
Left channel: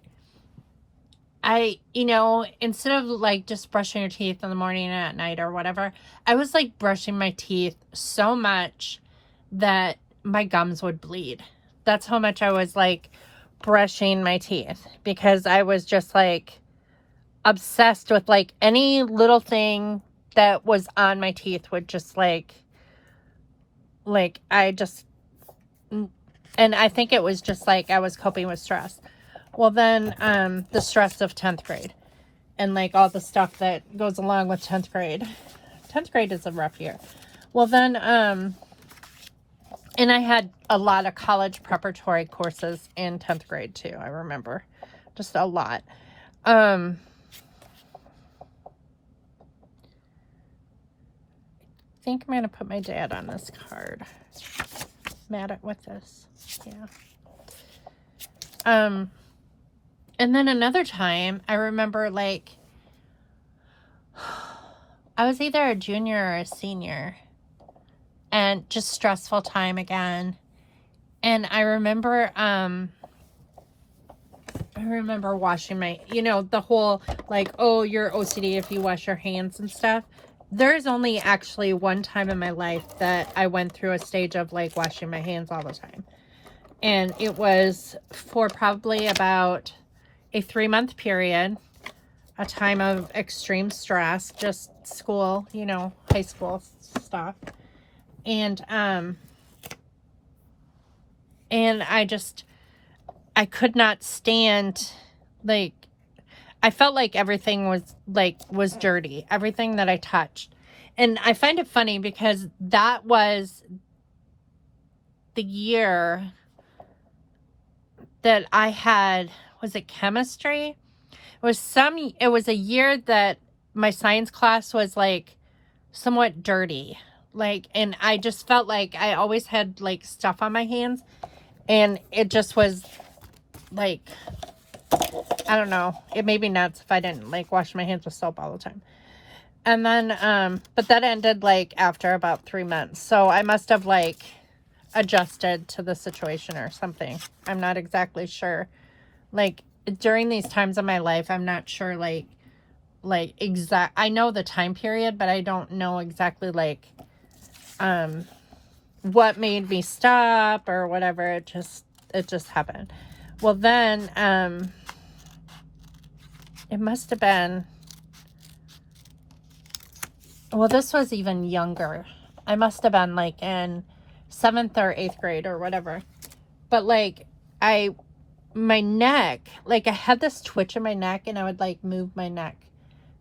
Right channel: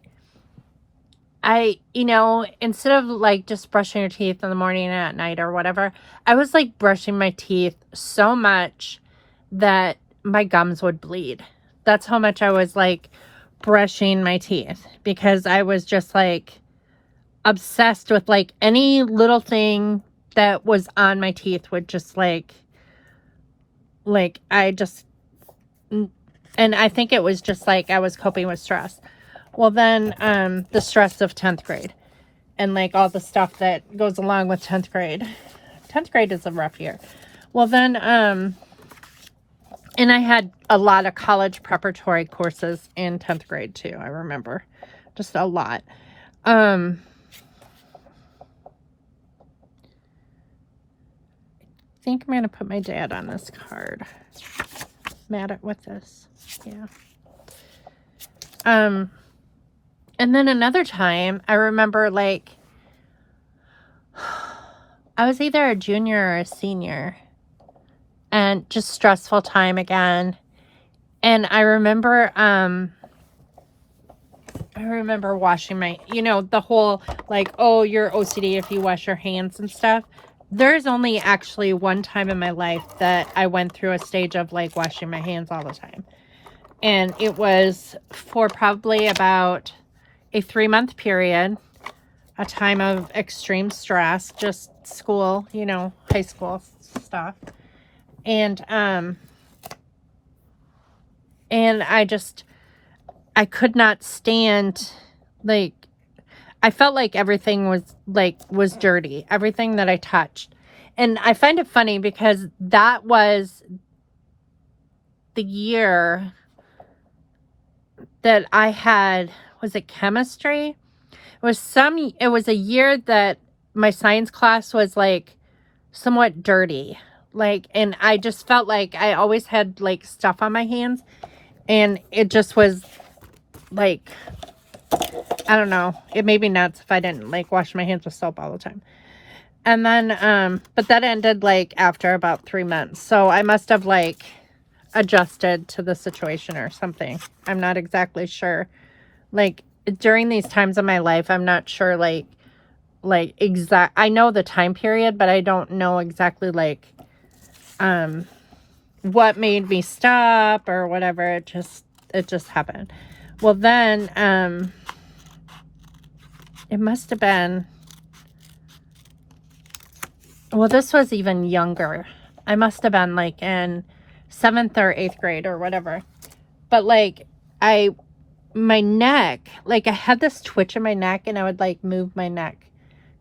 you know, instead of like just brushing your teeth in the morning and at night or whatever, I was like brushing my teeth so much that my gums would bleed. That's how much I was like brushing my teeth, because I was just like obsessed with like any little thing that was on my teeth would just like I just, and I think it was just like I was coping with stress. Well, then the stress of 10th grade and like all the stuff that goes along with 10th grade. 10th grade is a rough year. Well, then and I had a lot of college preparatory courses in 10th grade too. I remember just a lot. I think I'm gonna put my dad on this card. Mad at with this. Yeah. And then another time, I remember like I was either a junior or a senior, and just stressful time again. And I remember washing my, you know, the whole like, oh, you're OCD if you wash your hands and stuff. There's only actually one time in my life that I went through a stage of like washing my hands all the time. And it was for probably about a 3-month period, a time of extreme stress, just school, you know, high school stuff. And I could not stand, like, I felt like everything was dirty, everything that I touched. And I find it funny because that was the year that I had, was it chemistry? It was a year that my science class was like somewhat dirty. Like, and I just felt like I always had like stuff on my hands, and it just was like, I don't know, it made me nuts if I didn't like wash my hands with soap all the time. And then but that ended like after about 3 months, so I must have like adjusted to the situation or something. I'm not exactly sure. Like, during these times of my life, I'm not sure like I know the time period, but I don't know exactly like what made me stop or whatever. It just happened. Well, then it must have been, well, this was even younger. I must have been like in 7th or 8th grade or whatever. But like my neck, like I had this twitch in my neck, and I would like move my neck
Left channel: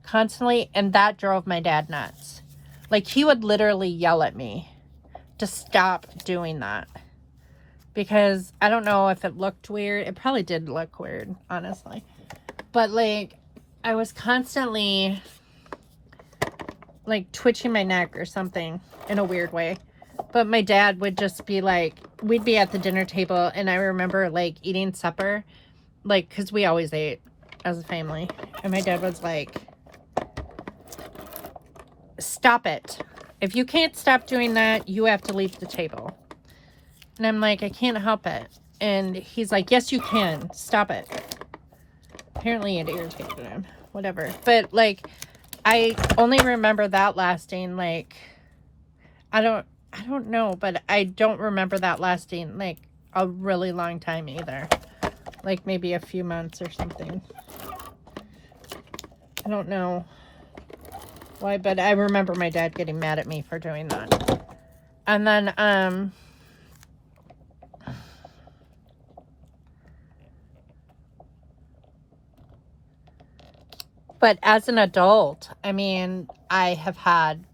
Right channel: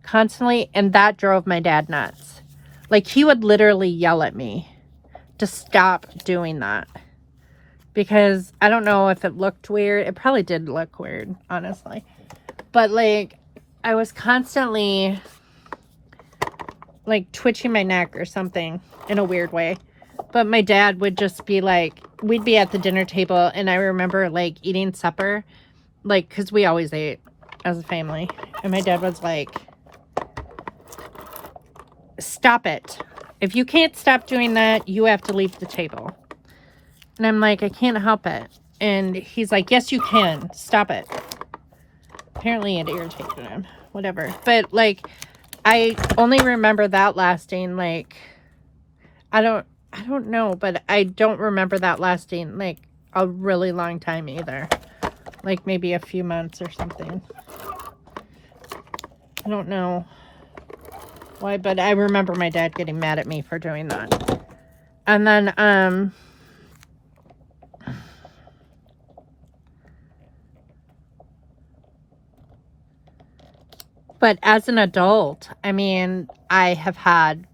constantly, and that drove my dad nuts. Like, he would literally yell at me to stop doing that. Because I don't know if it looked weird. It probably did look weird, honestly. But, like, I was constantly, like, twitching my neck or something in a weird way. But my dad would just be like, we'd be at the dinner table, and I remember, like, eating supper. Like, because we always ate as a family. And my dad was like, stop it. If you can't stop doing that, you have to leave the table. And I'm like, I can't help it. And he's like, yes, you can. Stop it. Apparently it irritated him. Whatever. But, like, I only remember that lasting, like, I don't know, but I don't remember that lasting, like, a really long time either. Like, maybe a few months or something. I don't know why, but I remember my dad getting mad at me for doing that. And then, but as an adult, I mean, I have had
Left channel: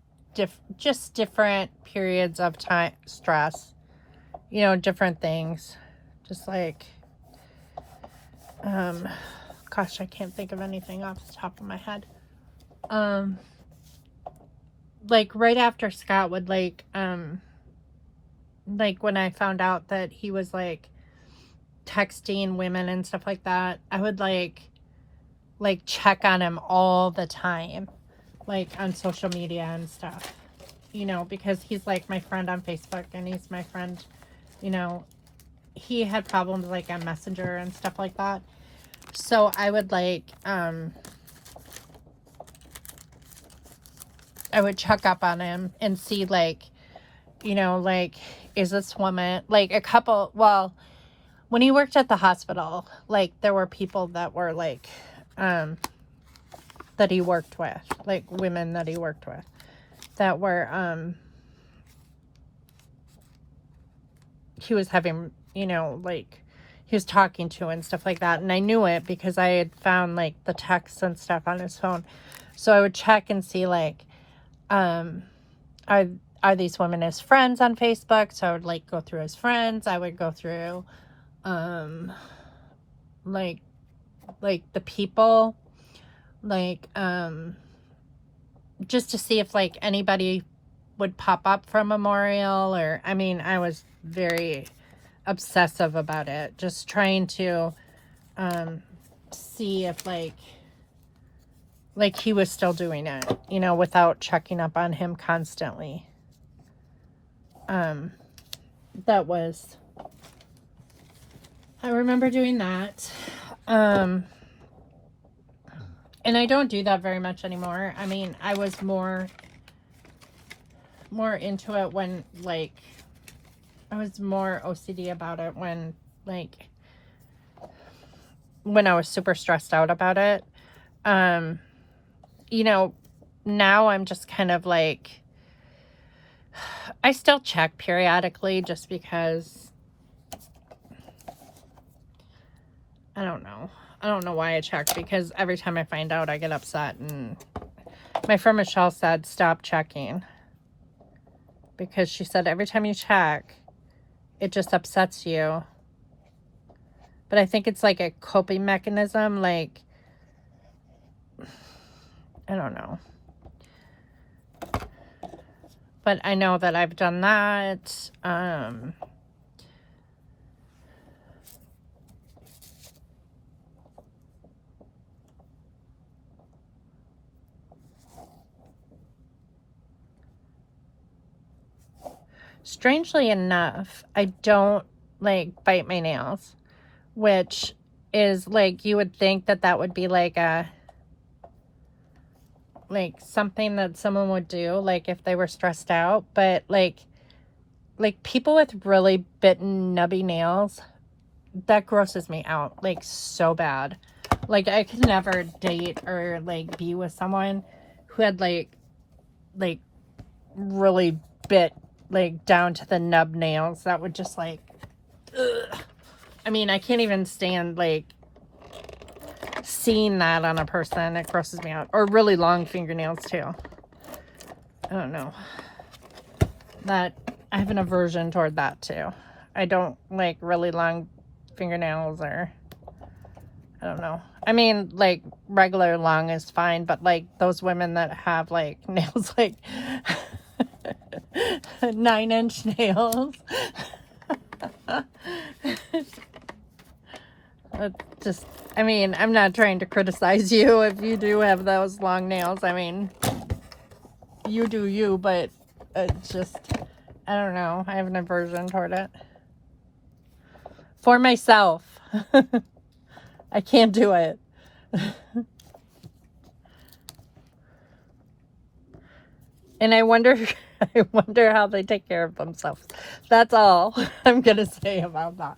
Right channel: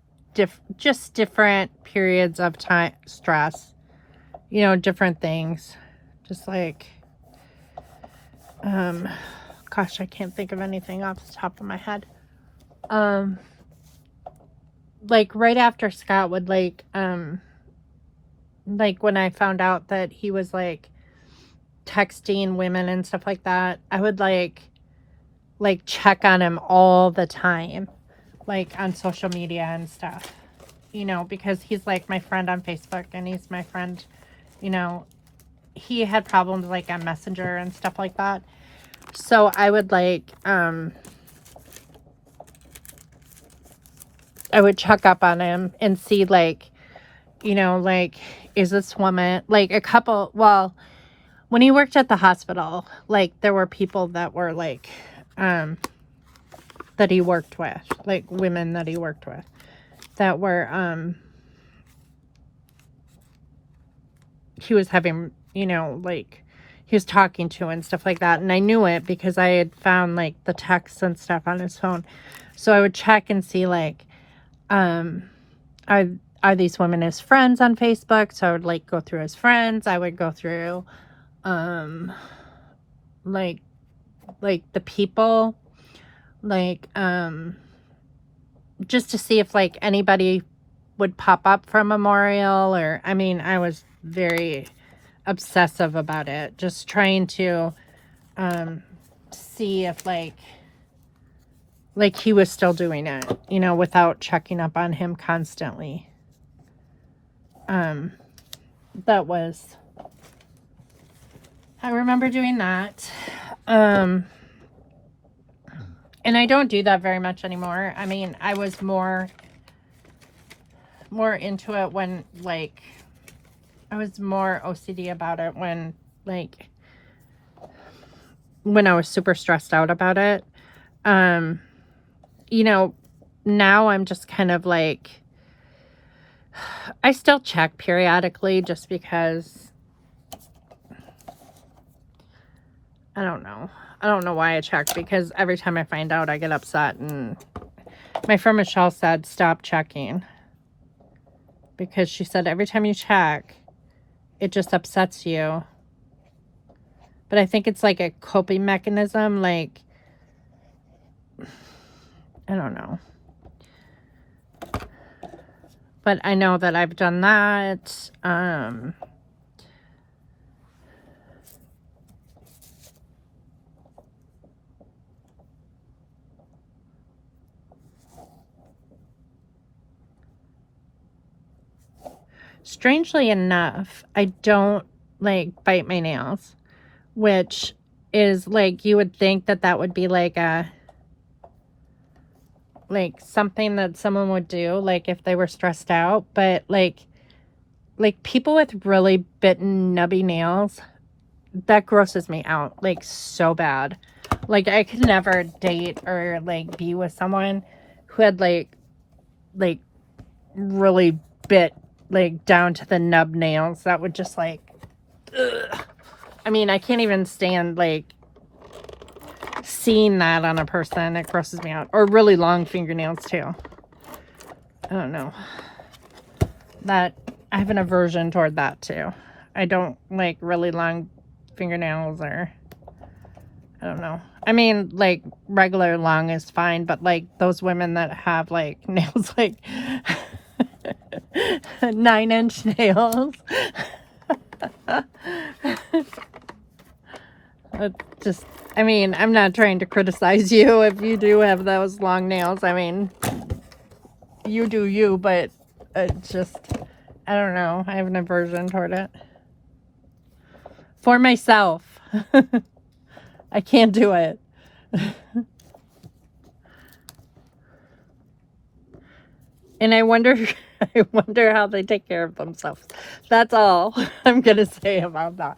just different periods of time, stress, you know, different things. Just like, gosh, I can't think of anything off the top of my head. Like right after Scott would like when I found out that he was like texting women and stuff like that, I would like check on him all the time, like on social media and stuff, you know, because he's like my friend on Facebook and he's my friend, you know. He had problems like on Messenger and stuff like that. So I would like, I would check up on him and see like, you know, like, is this woman, like a couple, well, when he worked at the hospital, like there were people that were like, that he worked with, like women that he worked with that were, he was having, you know, like he was talking to and stuff like that. And I knew it because I had found like the texts and stuff on his phone. So I would check and see like, are these women his friends on Facebook? So I would like go through his friends. I would go through, like the people, like, just to see if like anybody would pop up for Memorial, or, I mean, I was very obsessive about it, just trying to, see if like he was still doing it, you know, without checking up on him constantly. That was, I remember doing that. And I don't do that very much anymore. I mean, I was more into it when, like, I was more OCD about it when, like, when I was super stressed out about it. You know, now I'm just kind of like, I still check periodically just because, I don't know. I don't know why I check, because every time I find out I get upset, and my friend Michelle said stop checking, because she said every time you check it just upsets you. But I think it's like a coping mechanism, like, I don't know. But I know that I've done that. Strangely enough, I don't like bite my nails, which is like, you would think that that would be like a, like something that someone would do, like if they were stressed out. But like people with really bitten nubby nails, that grosses me out like so bad. Like I could never date or like be with someone who had like really bit like down to the nub nails. That would just like, ugh. I mean, I can't even stand like seeing that on a person, it grosses me out. Or really long fingernails too. I don't know. That, I have an aversion toward that too. I don't like really long fingernails, or I don't know. I mean, like, regular long is fine, but like those women that have like nails like 9-inch nails. It just, I mean, I'm not trying to criticize you if you do have those long nails. I mean, you do you, but it's just, I don't know. I have an aversion toward it. For myself. I can't do it. And I wonder how they take care of themselves. That's all I'm gonna say about that.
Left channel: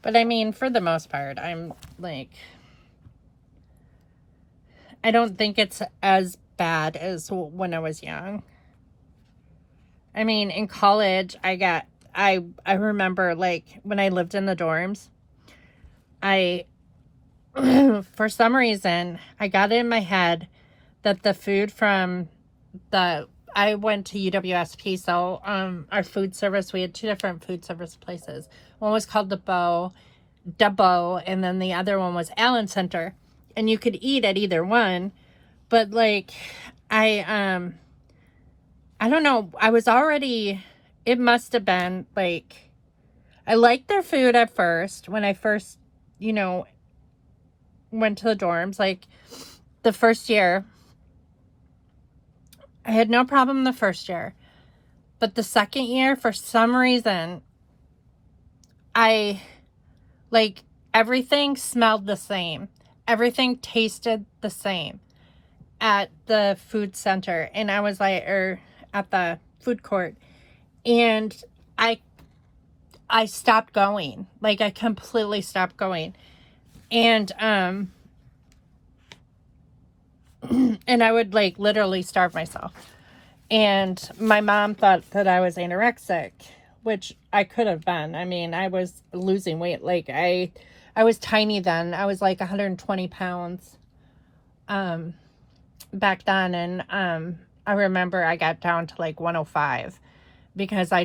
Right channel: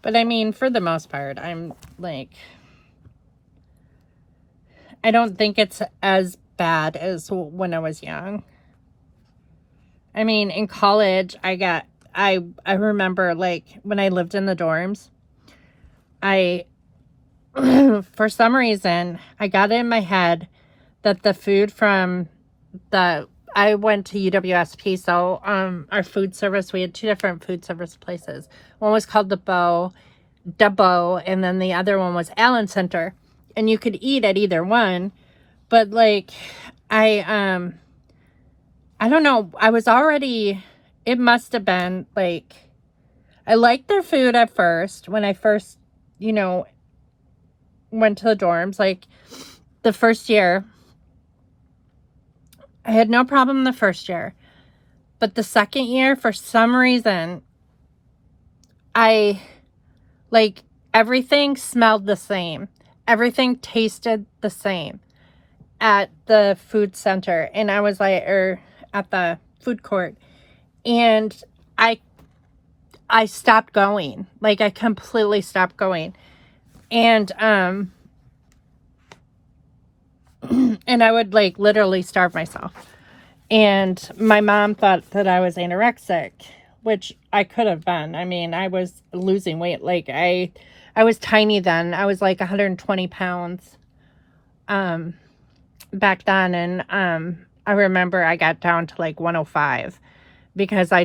But I mean, for the most part, I'm like, I don't think it's as bad as when I was young. I mean, in college, I remember, like, when I lived in the dorms, for some reason, I got it in my head that the food from I went to UWSP, so our food service, we had 2 different food service places. One was called the Bow, and then the other one was Allen Center. And you could eat at either one, but like, I don't know, I was already, it must have been like, I liked their food at first, when I first, you know, went to the dorms. Like, the first year, I had no problem the first year, but the second year, for some reason, like, everything smelled the same. Everything tasted the same at the food center. And I was like, or at the food court. And I stopped going. Like, I completely stopped going. And, and I would like literally starve myself. And my mom thought that I was anorexic, which I could have been. I mean, I was losing weight. Like, I was tiny then. I was like 120 pounds back then. And I remember I got down to like 105 because I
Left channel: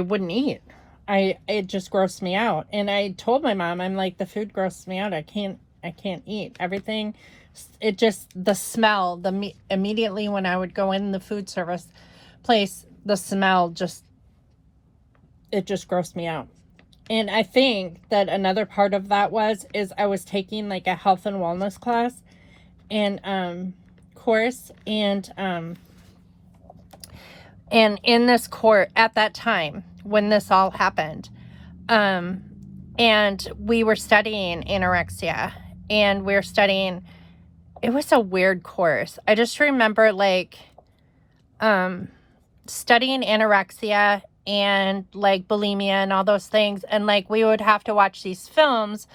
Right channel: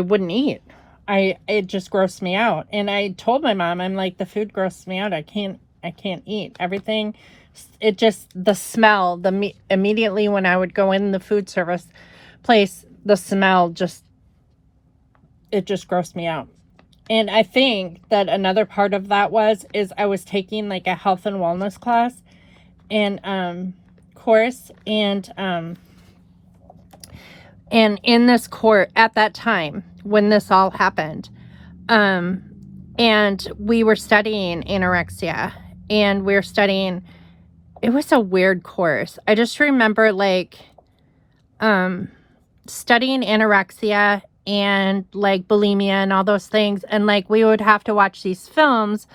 wouldn't eat. It just grossed me out. And I told my mom, I'm like, the food grossed me out. I can't eat everything. It just, the smell, immediately when I would go in the food service place, the smell it just grossed me out. And I think that another part of that is I was taking like a health and wellness class and course, and in this course at that time when this all happened, and we were studying anorexia, and we were studying, it was a weird course. I just remember like studying anorexia and like bulimia and all those things, and like we would have to watch these films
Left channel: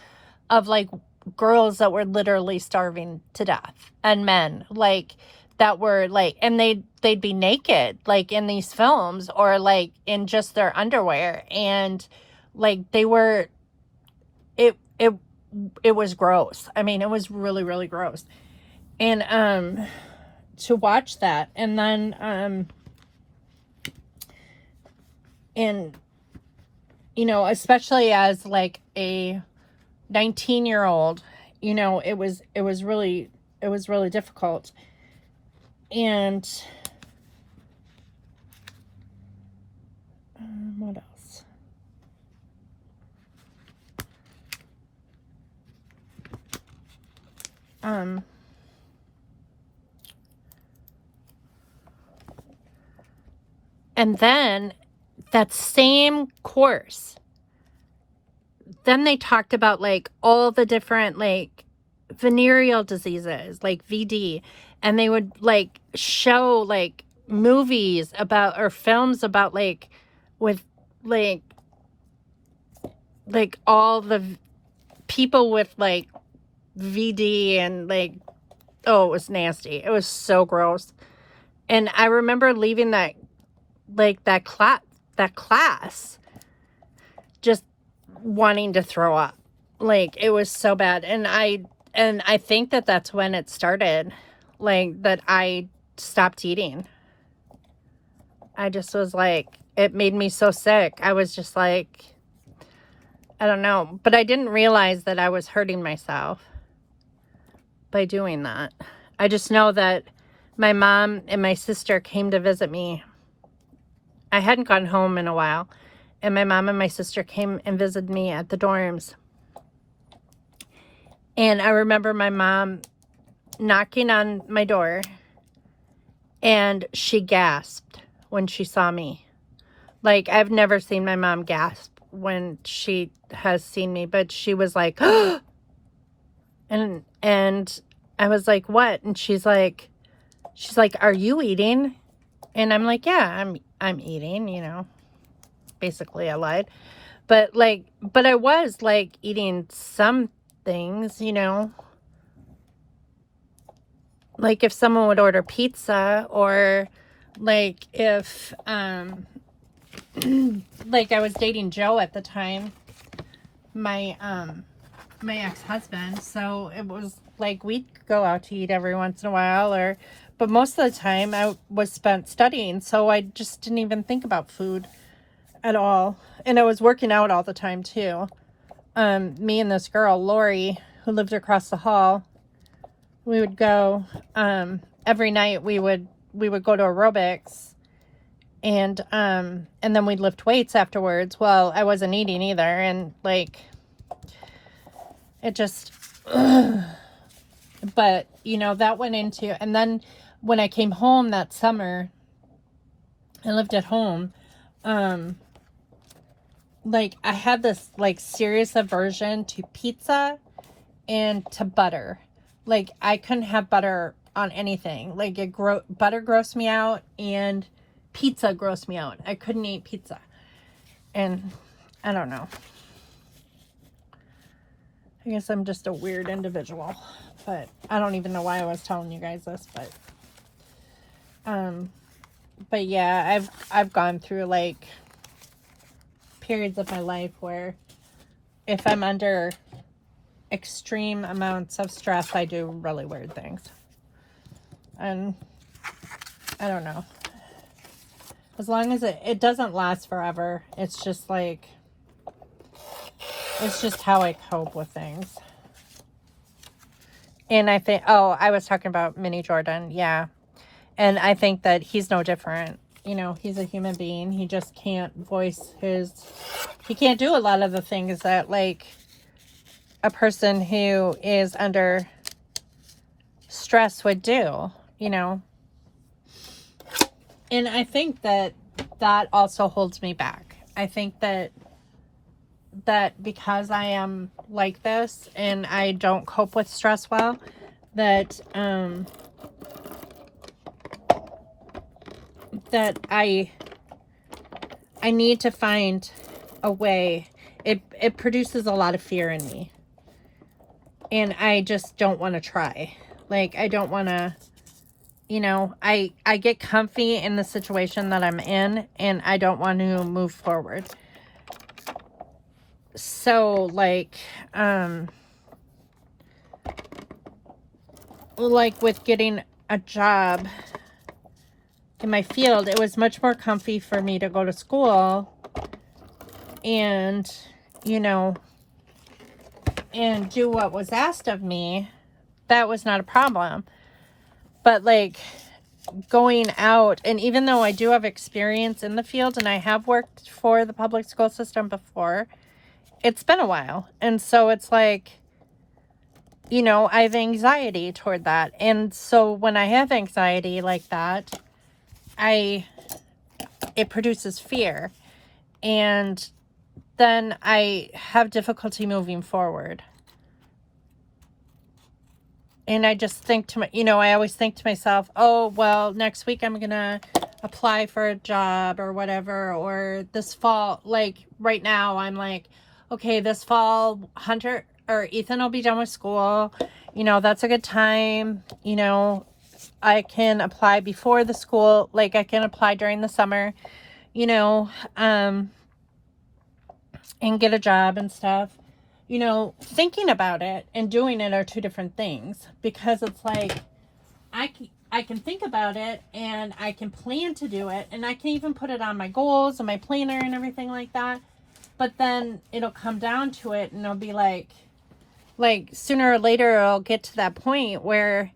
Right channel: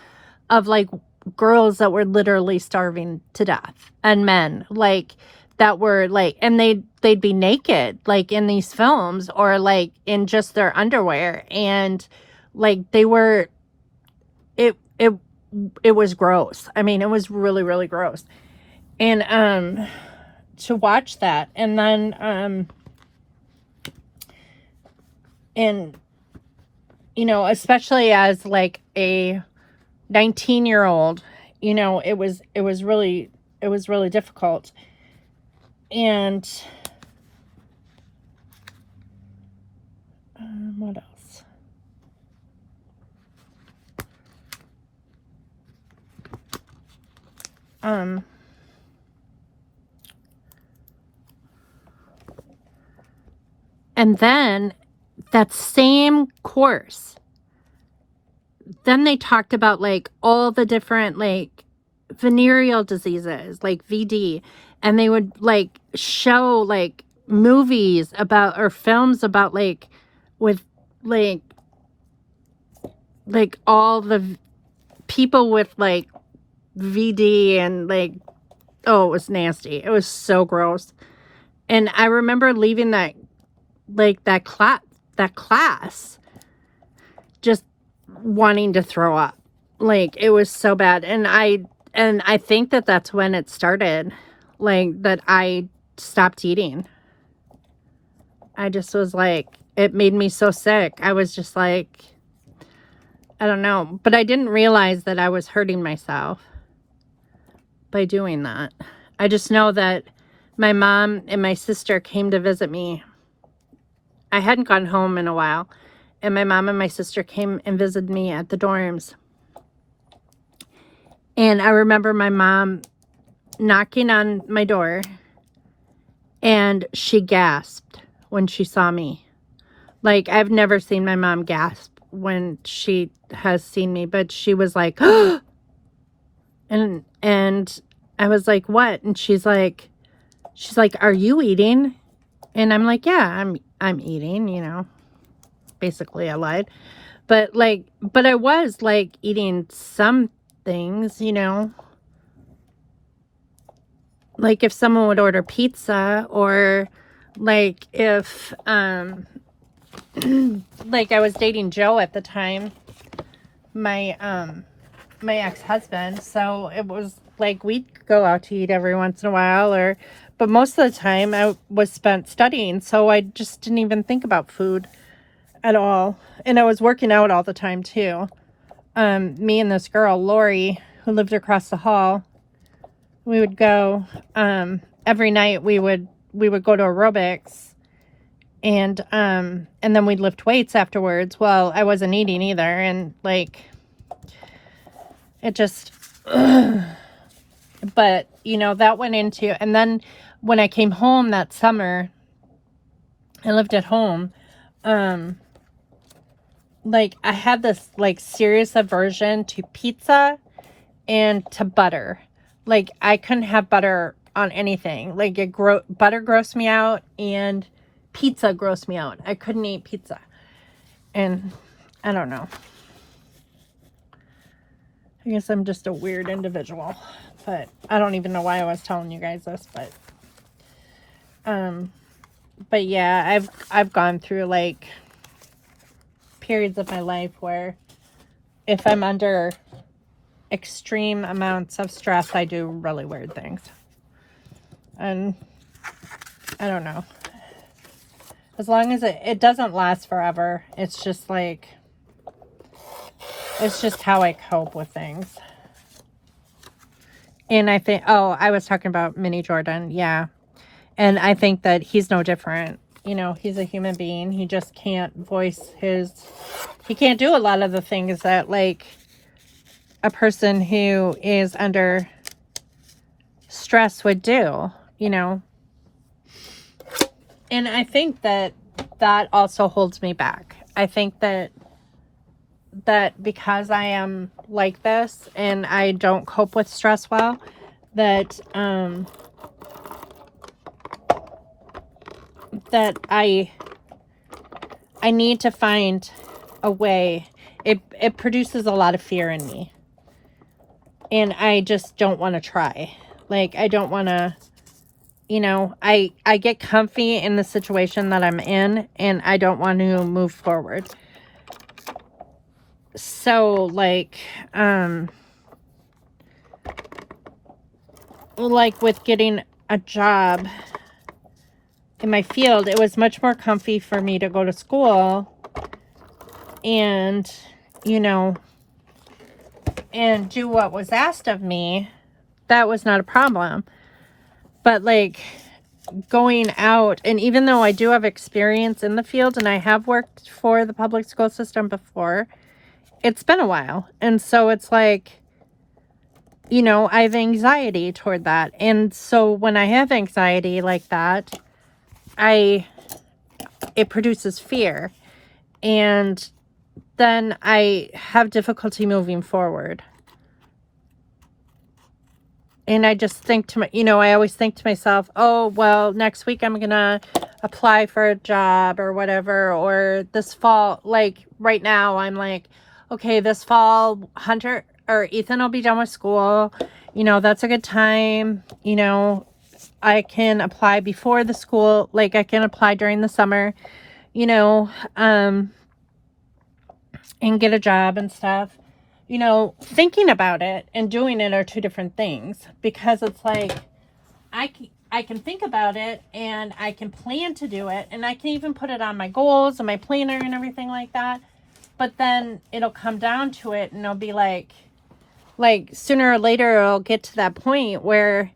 of like girls that were literally starving to death, and men like that were like, and they'd be naked like in these films, or like in just their underwear, and like they were, it was gross. I mean, it was really, really gross. And to watch that, and then and you know, especially as like a 19-year-old, you know, it was really difficult. And what else? And then that same course, then they talked about like all the different like venereal diseases, like VD, and they would like show like movies about, or films about like, with like all the people with like VD, and like, oh, it was nasty. It was so gross. And I remember leaving that class wanting to throw up. Like, it was so bad. And I think that that's when it started, like, that I stopped eating. I just was like, it made me so sick. I was just like, I don't know. But I didn't realize that I was hurting myself by doing that. I just know that my mom and my sister came to visit me. I hadn't gone home in a while. And my mom and my sister came and visited me at the dorms. And I remember my mom knocking on my door, and she gasped when she saw me. Like, I've never seen my mom gasp when she has seen me, but she was like, and I was like, what? And she's like, are you eating? And I'm like, yeah, I'm eating, you know. Basically I lied. But I was like eating some things, you know. Like if someone would order pizza, or like if like I was dating Joe at the time, my ex-husband, so it was like we'd go out to eat every once in a while, but most of the time I was spent studying, so I just didn't even think about food at all. And I was working out all the time too. Me and this girl, Lori, who lived across the hall, we would go, every night we would go to aerobics, and then we'd lift weights afterwards. Well, I wasn't eating either, and like, it just, but you know, that went into, and then when I came home that summer, I lived at home, like I had this like serious aversion to pizza and to butter. Like I couldn't have butter on anything. Like butter grossed me out, and pizza grossed me out. I couldn't eat pizza. And I don't know. I guess I'm just a weird individual. But I don't even know why I was telling you guys this, but yeah, I've gone through like periods of my life where if I'm under extreme amounts of stress, I do really weird things. And I don't know. As long as it doesn't last forever, it's just like, it's just how I cope with things. And I think, oh, I was talking about Mini Jordan. Yeah. And I think that he's no different. You know, he's a human being. He just can't voice he can't do a lot of the things that like a person who is under stress would do, you know. And I think that also holds me back. I think that because I am like this and I don't cope with stress well, that I need to find a way. It produces a lot of fear in me. And I just don't want to try. Like, I don't want to, you know, I get comfy in the situation that I'm in, and I don't want to move forward. So, like with getting a job in my field, it was much more comfy for me to go to school and, you know, and do what was asked of me. That was not a problem. But like going out, and even though I do have experience in the field and I have worked for the public school system before, it's been a while. And so it's like, you know, I have anxiety toward that. And so when I have anxiety like that, it produces fear. And then I have difficulty moving forward. And I just think I always think to myself, oh, well, next week I'm going to apply for a job or whatever. Or this fall, like right now, I'm like, okay, this fall, Hunter or Ethan will be done with school. You know, that's a good time. You know, I can apply before the school, like I can apply during the summer, you know, and get a job and stuff, you know, thinking about it and doing it are two different things, because it's like I can think about it and I can plan to do it, and I can even put it on my goals and my planner and everything like that. But then it'll come down to it and it'll be like sooner or later it'll get to that point where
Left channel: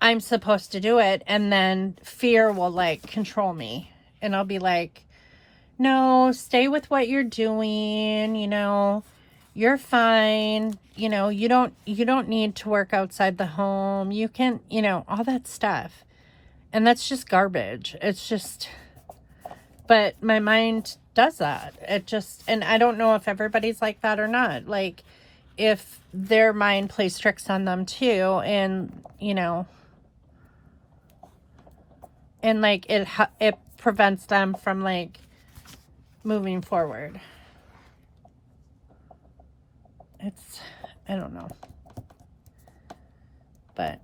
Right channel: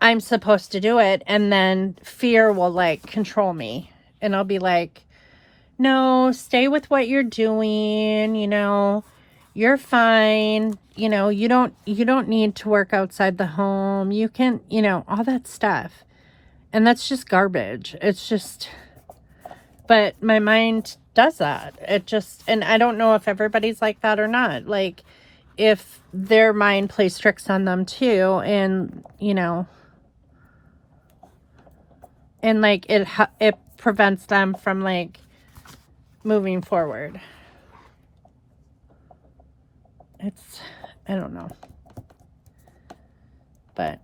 I'm supposed to do it, and then fear will like control me, and I'll be like, no, stay with what you're doing, you know, you're fine, you know, you don't need to work outside the home, you can, you know, all that stuff. And that's just garbage. It's just, but my mind does that. It just, and I don't know if everybody's like that or not, like if their mind plays tricks on them too, and you know, and like it prevents them from like moving forward. It's, I don't know, but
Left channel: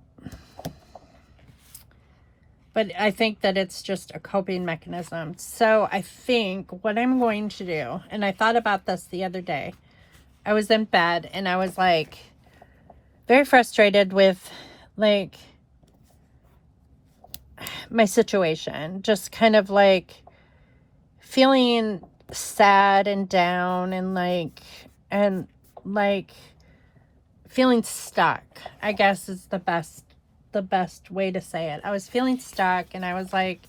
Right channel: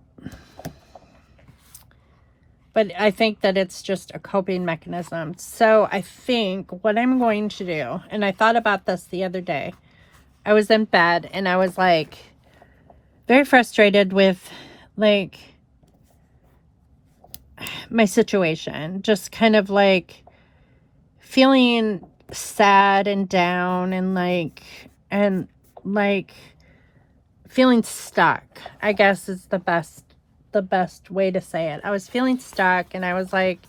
I think that it's just a coping mechanism. So I think what I'm going to do, and I thought about this the other day, I was in bed and I was like very frustrated with like my situation, just kind of like feeling sad and down and like feeling stuck, I guess is the best way to say it. I was feeling stuck and I was like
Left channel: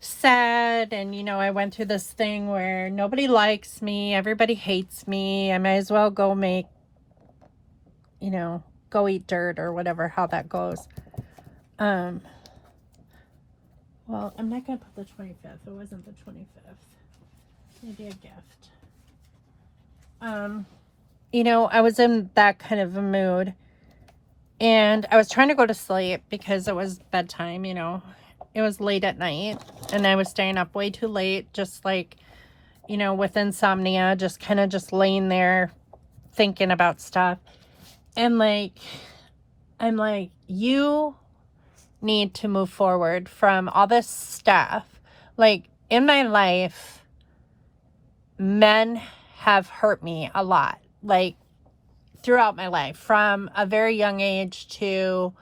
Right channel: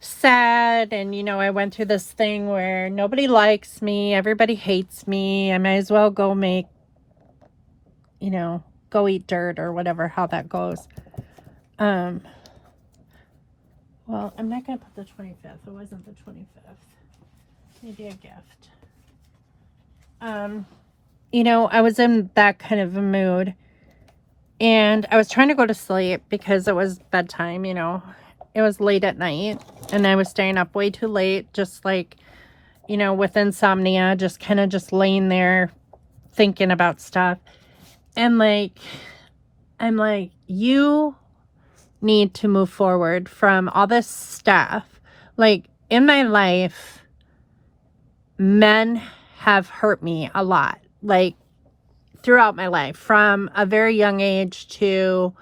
sad, and you know, I went through this thing where nobody likes me, everybody hates me, I might as well go make, you know, go eat dirt or whatever, how that goes. Well, I'm not gonna put the 25th. It wasn't the 25th. Maybe a gift. You know, I was in that kind of a mood, and I was trying to go to sleep because it was bedtime, you know. It was late at night, and I was staying up way too late, just like, you know, with insomnia, just kind of just laying there thinking about stuff. And like, I'm like, you need to move forward from all this stuff. Like, in my life, men have hurt me a lot, like throughout my life, from a very young age to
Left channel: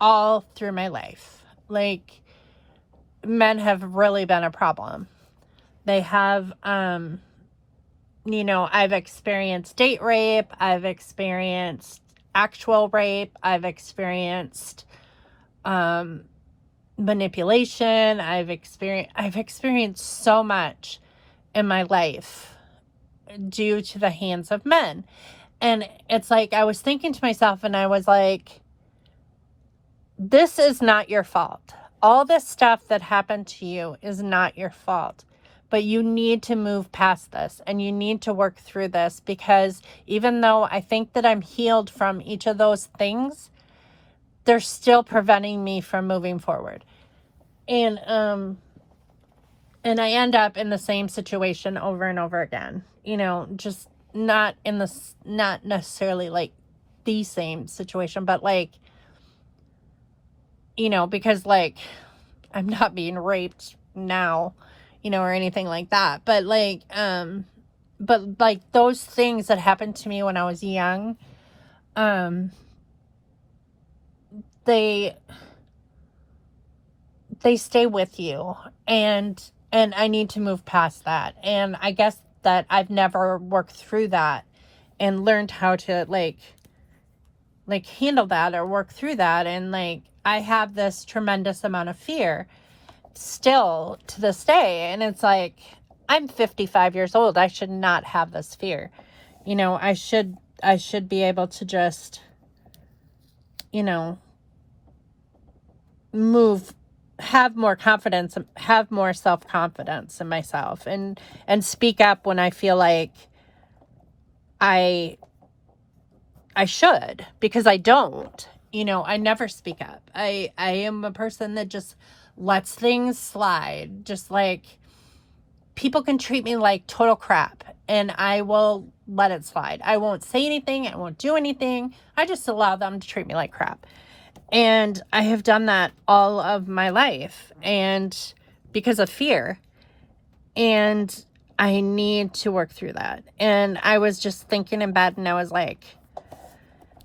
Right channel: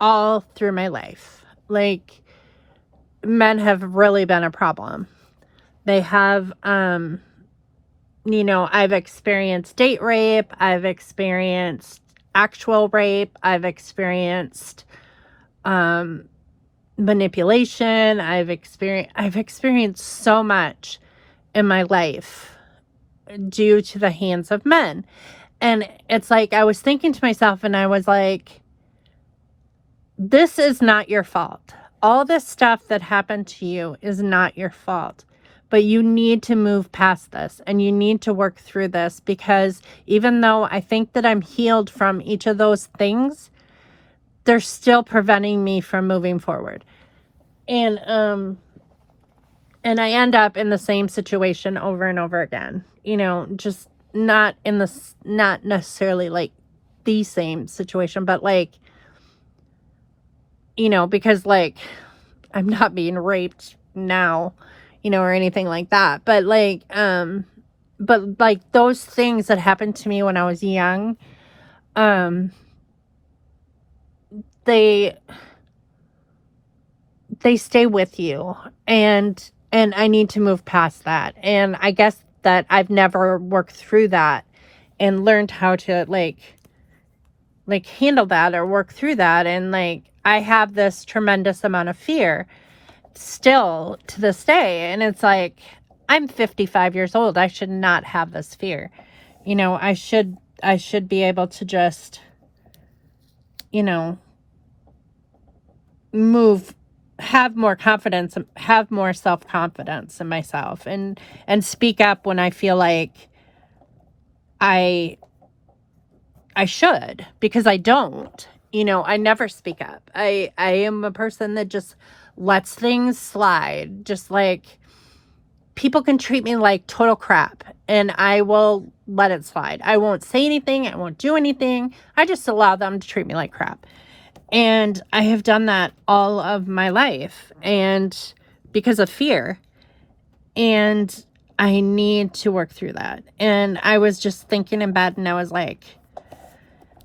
all through my life. Like, men have really been a problem. They have, you know, I've experienced date rape, I've experienced actual rape, I've experienced manipulation, I've experienced so much in my life due to the hands of men. And it's like, I was thinking to myself, and I was like, this is not your fault. All this stuff that happened to you is not your fault, but you need to move past this, and you need to work through this, because even though I think that I'm healed from each of those things, they're still preventing me from moving forward. And I end up in the same situation over and over again, you know, just not necessarily like the same situation, but like, you know, because like, I'm not being raped now, you know, or anything like that, but like those things that happened to me when I was young, they stay with you, and I need to move past that. And I guess that I've never worked through that and learned how to like handle that or work through that. And like, I have this tremendous amount of fear still to this day. And it's like, I'm 55 years old. I should not have this fear. You know, I should be able to just, you know, have more confidence, have more self-confidence in myself, and speak up when I feel like I should, because I don't, you know, I never speak up. I am a person that just lets things slide. Just like, people can treat me like total crap, and I will let it slide. I won't say anything. I won't do anything. I just allow them to treat me like crap. And I have done that all of my life, and because of fear. And I need to work through that. And I was just thinking in bed, and I was like,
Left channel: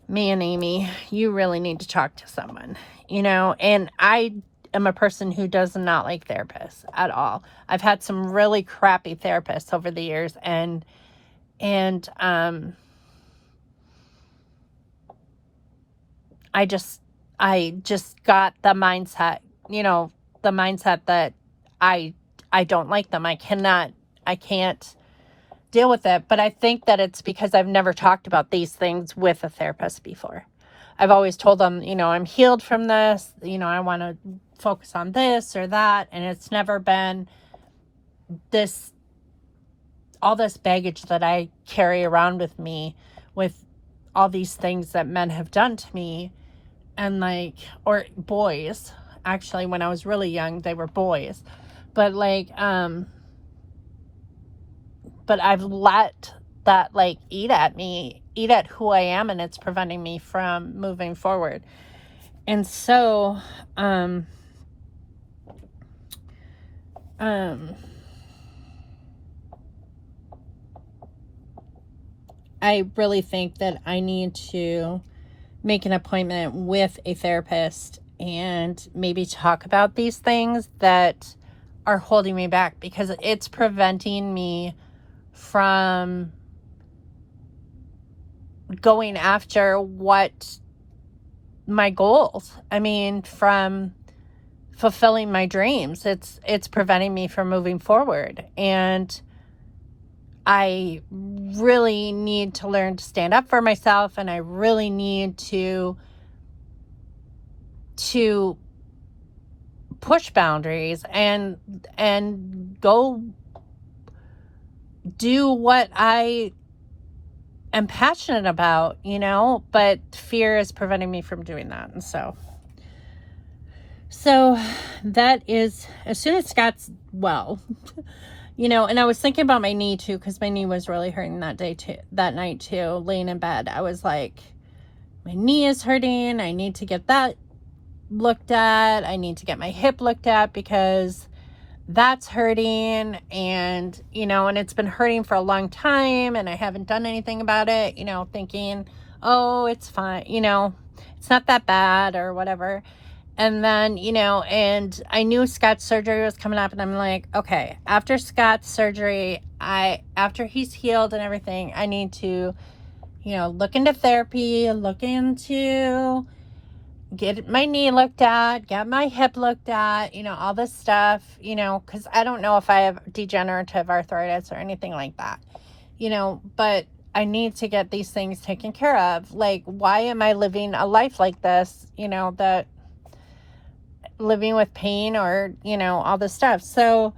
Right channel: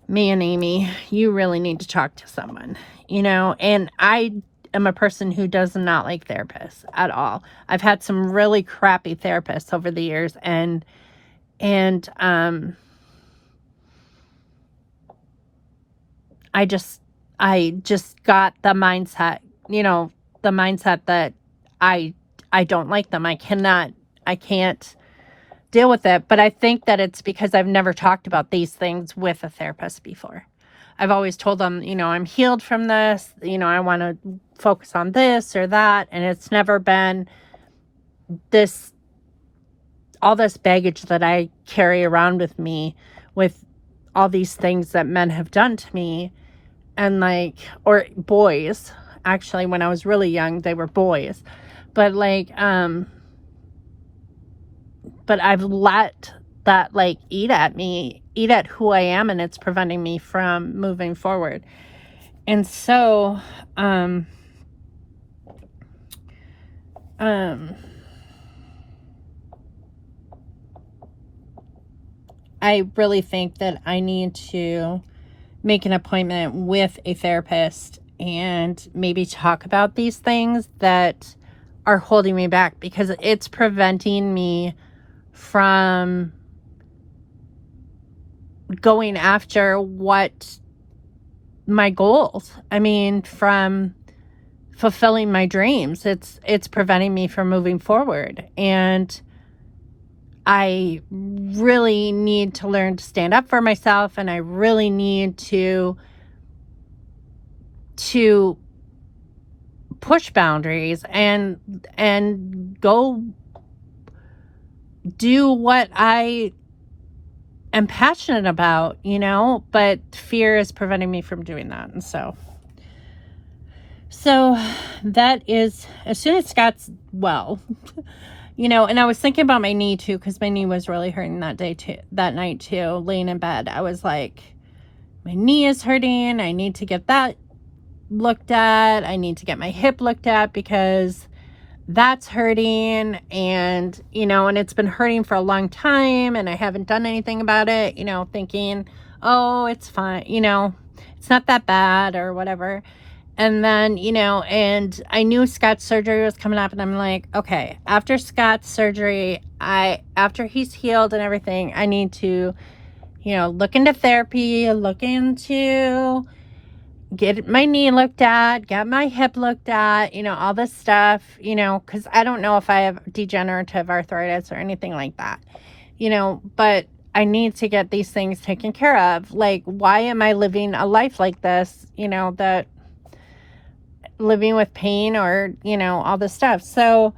man, Amy, you really need to talk to someone, you know. And I am a person who does not like therapists at all. I've had some really crappy therapists over the years, and I just got the mindset, you know, the mindset that I don't like them. I can't deal with it. But I think that it's because I've never talked about these things with a therapist before. I've always told them, you know, I'm healed from this, you know, I want to focus on this or that. And it's never been this, all this baggage that I carry around with me with all these things that men have done to me. And like, or boys, actually, when I was really young, they were boys. But like, but I've let that like eat at who I am, and it's preventing me from moving forward. And so, I really think that I need to make an appointment with a therapist and maybe talk about these things that are holding me back, because it's preventing me from going after what my goals, I mean, from fulfilling my dreams. It's preventing me from moving forward. And I really need to learn to stand up for myself, and I really need to push boundaries and go do what I am passionate about, you know, but fear is preventing me from doing that. And so that is, as soon as Scott's well, you know. And I was thinking about my knee too, because my knee was really hurting that night too, laying in bed. I was like, my knee is hurting, I need to get that looked at, I need to get my hip looked at, because that's hurting. And you know, and it's been hurting for a long time, and I haven't done anything about it, you know, thinking, oh, it's fine, you know, it's not that bad or whatever. And then, you know, and I knew Scott's surgery was coming up, and I'm like, okay, after Scott's surgery, after he's healed and everything, I need to, you know, look into therapy, look into, get my knee looked at, get my hip looked at, you know, all this stuff, you know, because I don't know if I have degenerative arthritis or anything like that, you know, but I need to get these things taken care of. Like, why am I living a life like this, you know, that living with pain, or, you know, all this stuff. So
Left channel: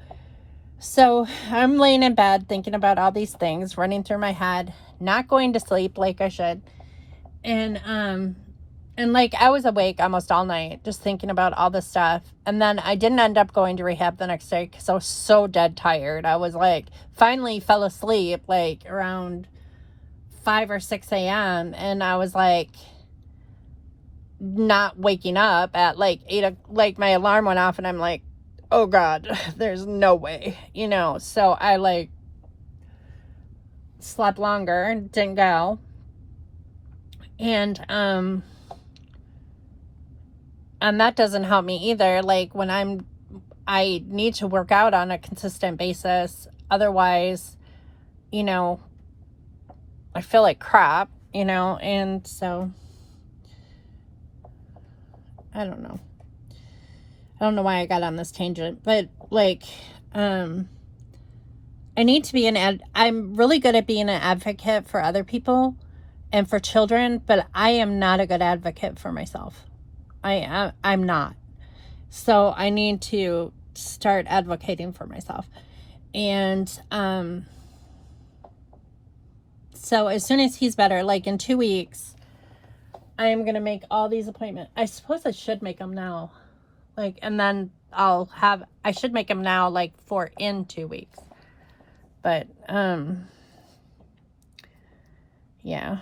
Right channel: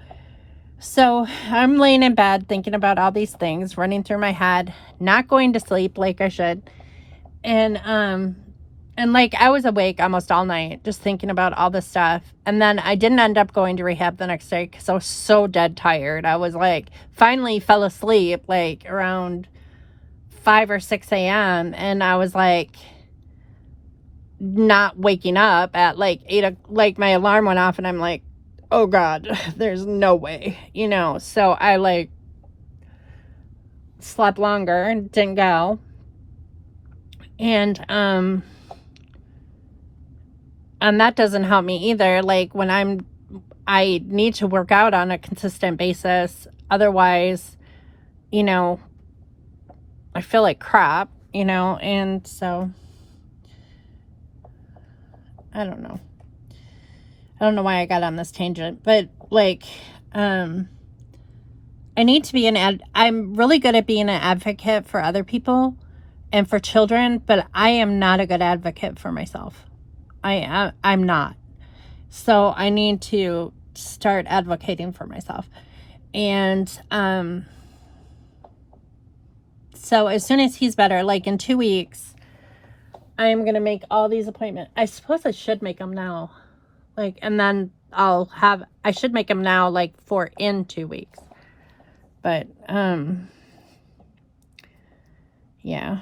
I'm laying in bed thinking about all these things running through my head, not going to sleep like I should. And like, I was awake almost all night just thinking about all this stuff. And then I didn't end up going to rehab the next day because I was so dead tired. I was like, finally fell asleep like around 5 or 6 a.m. And I was like, not waking up at like 8, like my alarm went off, and I'm like, oh God, there's no way, you know. So I like slept longer and didn't go. And that doesn't help me either. Like, when I need to work out on a consistent basis, otherwise, you know, I feel like crap, you know. And so I don't know why I got on this tangent, but like, I need to be I'm really good at being an advocate for other people and for children, but I am not a good advocate for myself. I'm not. So I need to start advocating for myself. And, so as soon as he's better, like in 2 weeks, I am going to make all these appointments. I suppose I should make them now. Like, and then I should make them now, like, for in 2 weeks. But, yeah,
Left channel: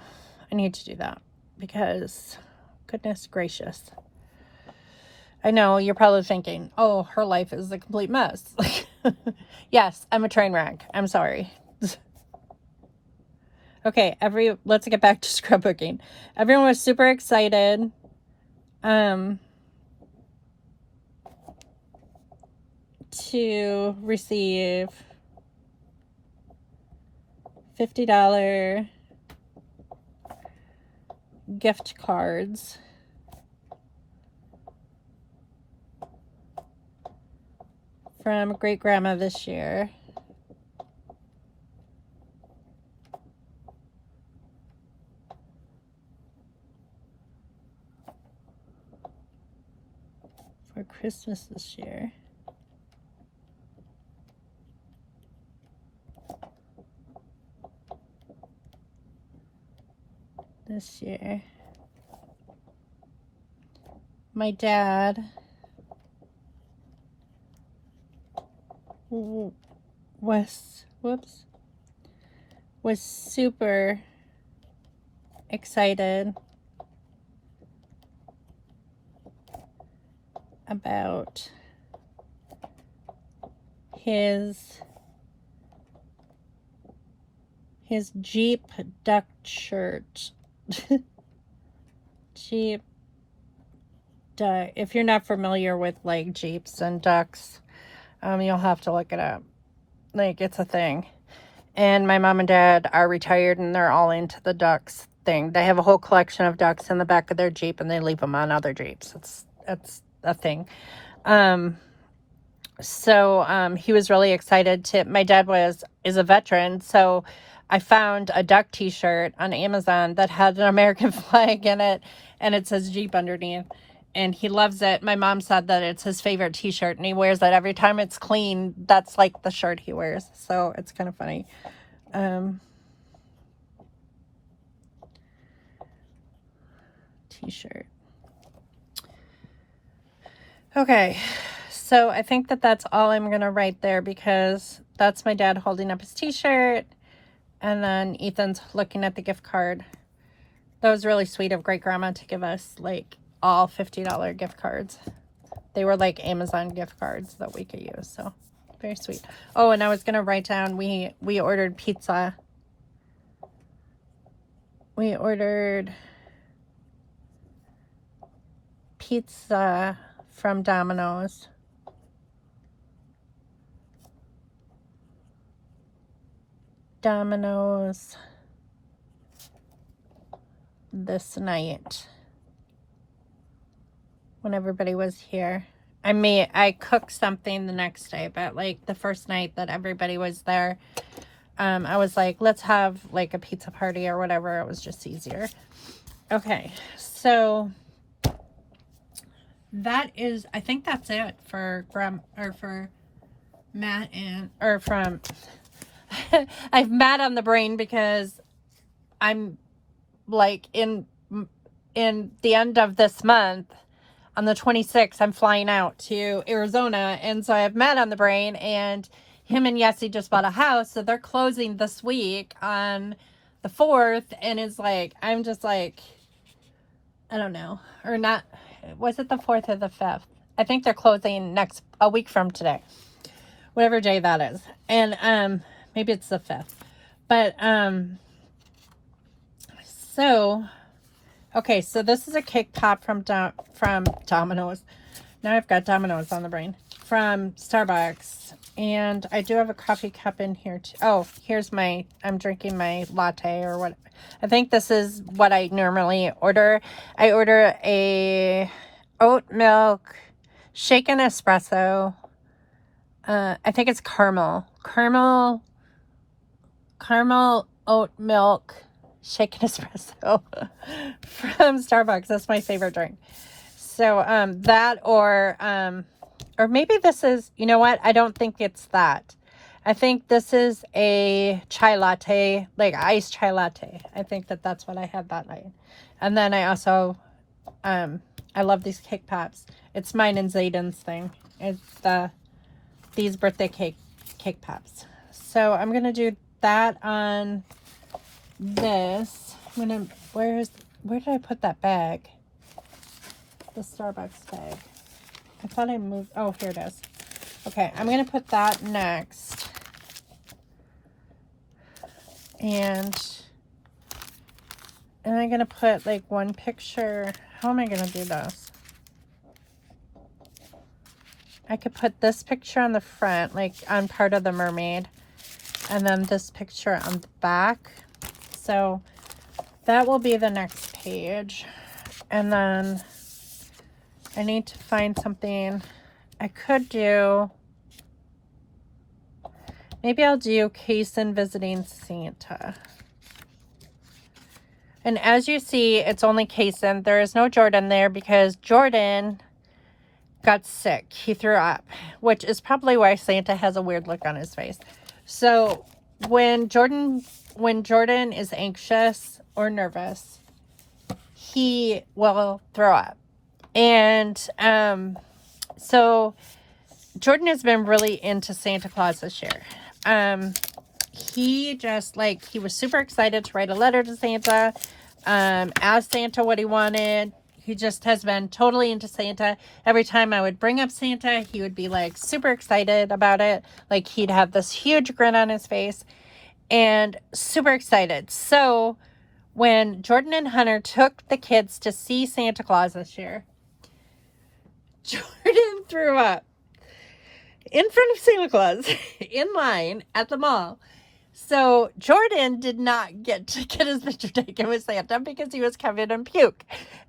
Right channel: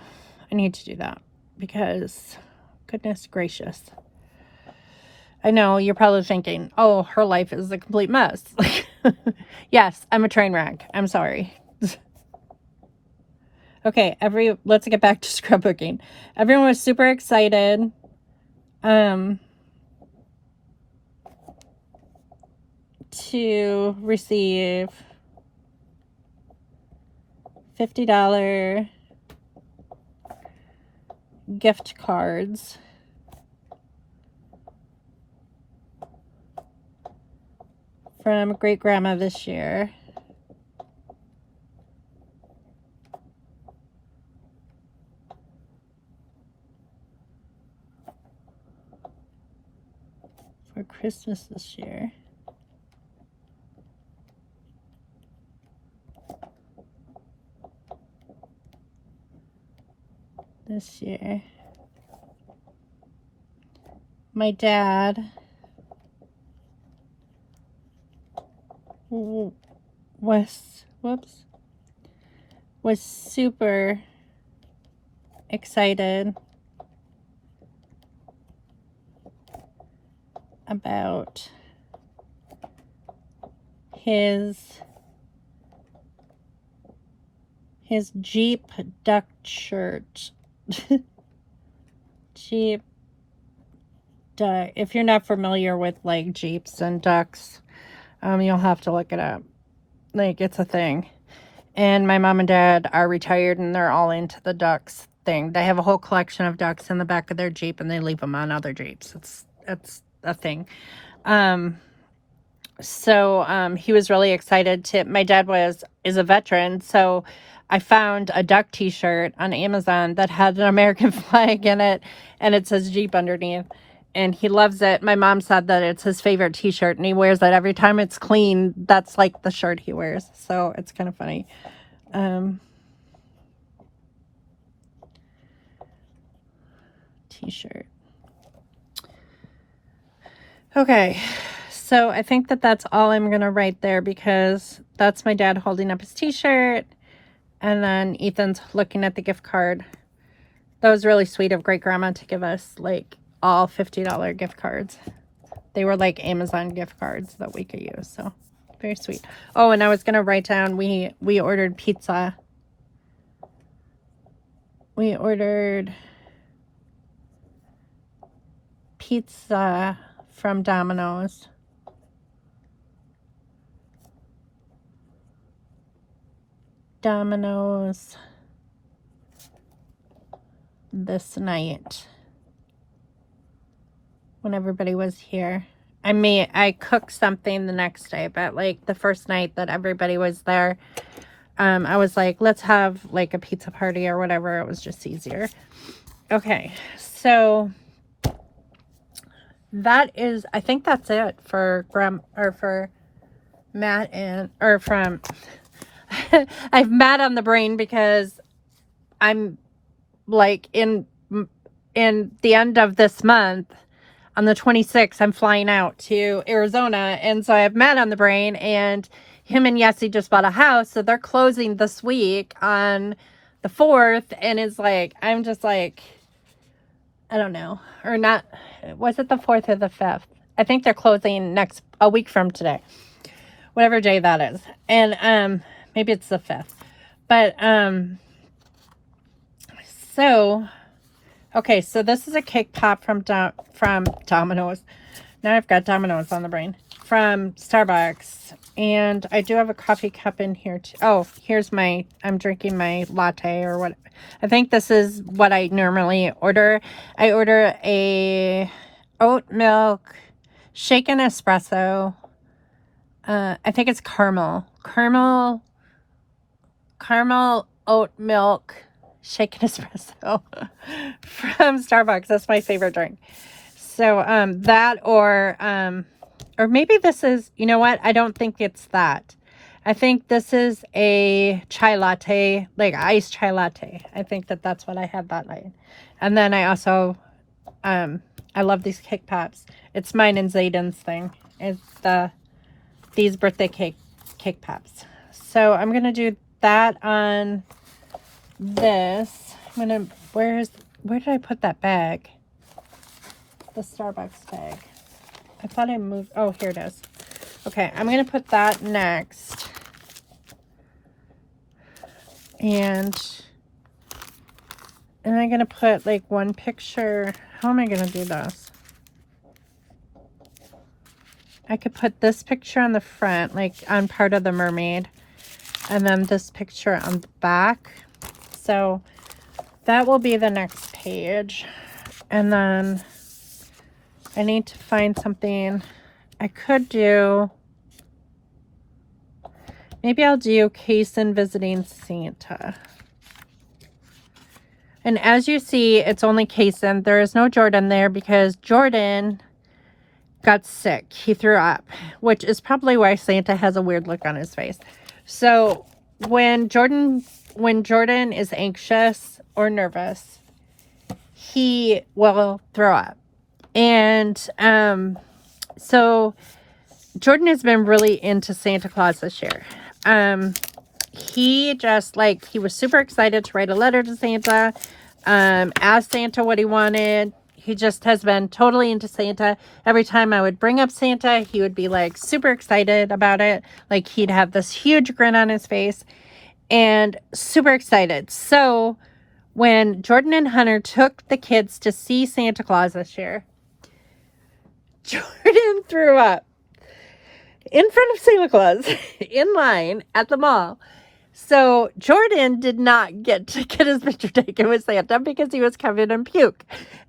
I need to do that, because goodness gracious. I know you're probably thinking, oh, her life is a complete mess. Yes, I'm a train wreck. I'm sorry. Okay, let's get back to scrapbooking. Everyone was super excited. To receive $50 gift cards from great grandma this year. For Christmas this year. This year. My dad was super excited about his Jeep duck shirt. Jeep duck. If you're not familiar with like Jeeps and ducks, you'll have to look it up. Like, it's a thing. And my mom and dad are retired and they're all into the ducks thing. They have a whole collection of ducks in the back of their Jeep and they leave them on other Jeeps. That's a thing. So he was really excited to, my dad is a veteran, so I found a duck t-shirt on Amazon that had an American flag in it and it says Jeep underneath. And he loves it. My mom said that it's his favorite t-shirt and he wears it every time it's clean. That's like the shirt he wears. So it's kind of funny. T-shirt. Okay. So I think that that's all I'm going to write there because that's my dad holding up his t-shirt. And then Ethan's looking at the gift card. That was really sweet of great grandma to give us like all $50 gift cards. They were like Amazon gift cards that we could use, so very sweet. Oh, and I was gonna write down we ordered pizza. We ordered pizza from Domino's. This night when everybody was here. I cooked something the next day, but like the first night that everybody was there, I was like, let's have like a pizza party or whatever. It was just easier. Okay, so that is, I think that's it for for Matt from I have Matt on the brain because I'm like in the end of this month. On the 26th, I'm flying out to Arizona, and so I have Matt on the brain, and him and Yessie just bought a house, so they're closing this week on the 4th, and it's like, I'm just like, I don't know, or not, was it the 4th or the 5th? I think they're closing a week from today, whatever day that is, and maybe it's the 5th, but, so... Okay, so this is a cake pop from Domino's. Now I've got Domino's on the brain. From Starbucks. And I do have a coffee cup in here too. Oh, here's I'm drinking my latte or what. I think this is what I normally order. I order a oat milk shaken espresso. I think it's caramel oat milk shaken espresso from Starbucks. That's my favorite drink. So that or maybe this is, you know what, I don't think it's that. I think this is a chai latte, like iced chai latte. I think that's what I had that night. And then I also I love these cake pops. It's mine and Zayden's thing. It's these birthday cake pops. So I'm gonna do that on this. Where did I put that bag? The Starbucks bag. I thought I moved. Oh, here it is. Okay, I'm gonna put that next. And I'm going to put like one picture. How am I going to do this? I could put this picture on the front, like on part of the mermaid, and then this picture on the back. So that will be the next page. And then I need to find something I could do. Maybe I'll do Kaysen visiting Santa. And as you see, it's only Kaysen. There is no Jordan there because Jordan got sick. He threw up, which is probably why Santa has a weird look on his face. So when Jordan is anxious or nervous, he will throw up. And so Jordan has been really into Santa Claus this year. He just he was super excited to write a letter to Santa, ask Santa what he wanted. He just has been totally into Santa. Every time I would bring up Santa, he would be like super excited about it. Like he'd have this huge grin on his face and super excited. So when Jordan and Hunter took the kids to see Santa Claus this year, Jordan threw up in front of Santa Claus in line at the mall. So Jordan did not get to get his picture taken with Santa because he was covered in puke.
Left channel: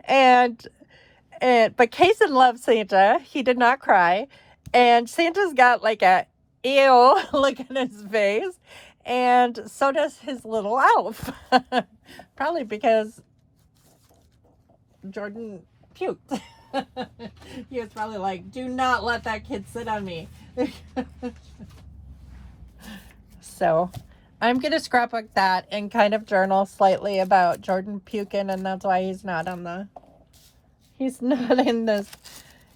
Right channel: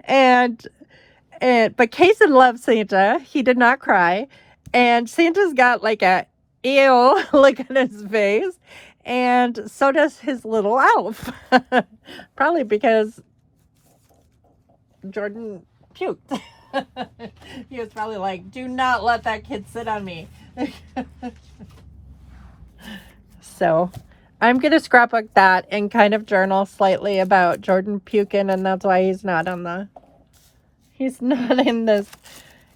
But Kaysen loves Santa. He did not cry. And Santa's got like a ew look on his face. And so does his little elf. Probably because Jordan puked. He was probably like, do not let that kid sit on me. So I'm going to scrapbook that and kind of journal slightly about Jordan puking, and that's why he's not in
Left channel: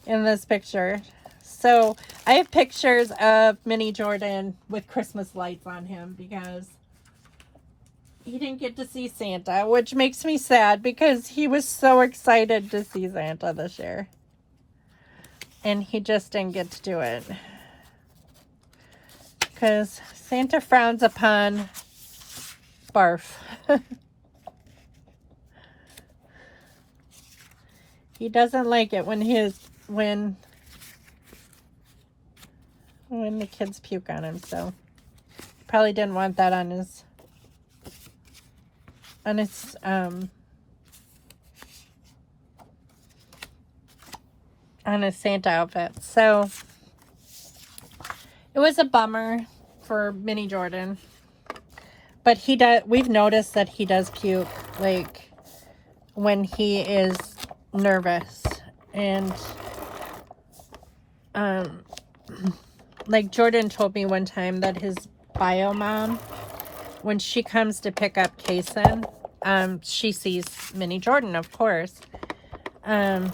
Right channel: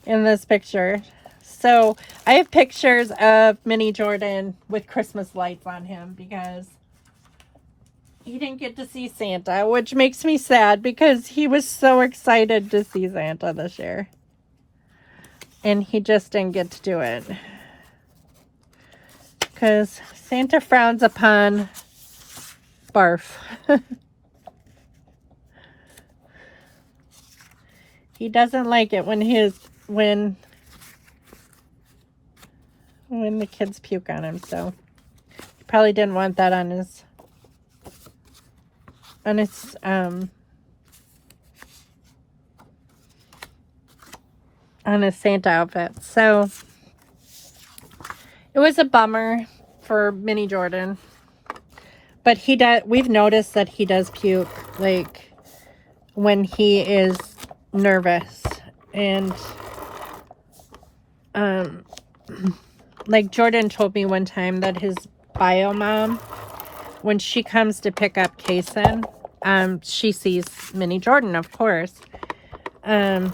this picture. So I have pictures of mini Jordan with Christmas lights on him because he didn't get to see Santa, which makes me sad because he was so excited to see Santa this year. And he just didn't get to do it. Because Santa frowns upon barf. He doesn't like it when the kids puke on him, so probably didn't want that on his Santa outfit. So it was a bummer for mini Jordan, but we've noticed that he does puke like when he is nervous, and like Jordan told me one time that his bio mom, when she comes to pick up Kaysen, she sees mini Jordan, of course, and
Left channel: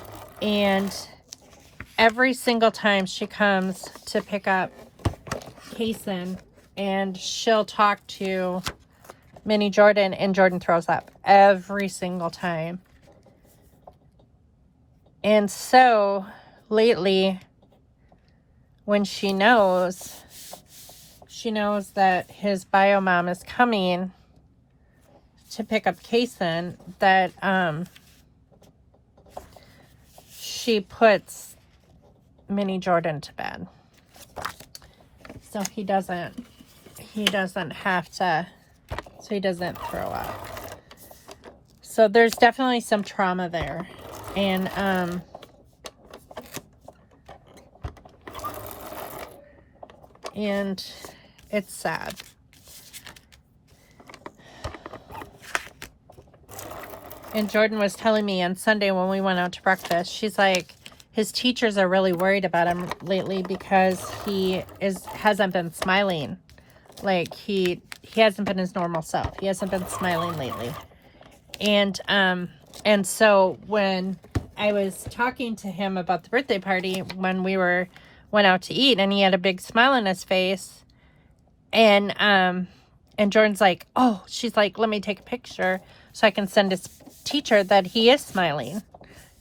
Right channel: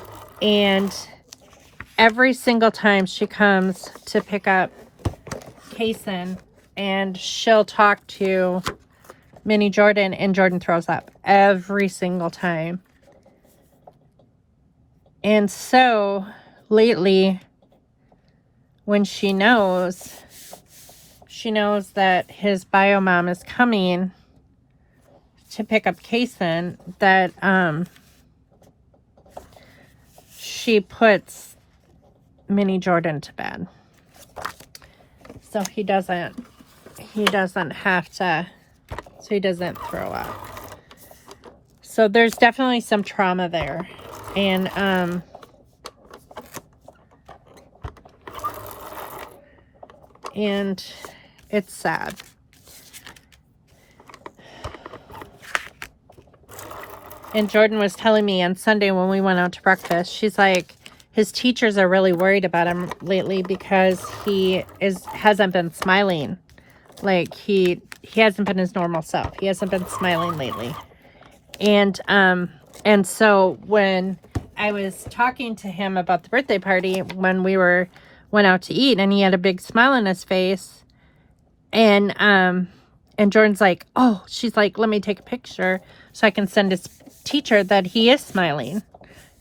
every single time she comes to pick up Kaysen, and she'll talk to mini Jordan, and Jordan throws up every single time. And so lately, when she knows that his bio mom is coming to pick up Kaysen, that she puts mini Jordan to bed, so he doesn't have to, so he doesn't throw up. So there's definitely some trauma there, and it's sad. And Jordan was telling me on Sunday when we went out to breakfast, she's like, his teachers are really worried about him lately because he hasn't been smiling. Like he hasn't been his normal self. He hasn't been smiling lately. And so when I was talking to him about the birthday party, when we went out to eat, and he had a big smile on his face, and Jordan's like, oh, she's like, let me take a picture so I can send his teacher that he is smiling,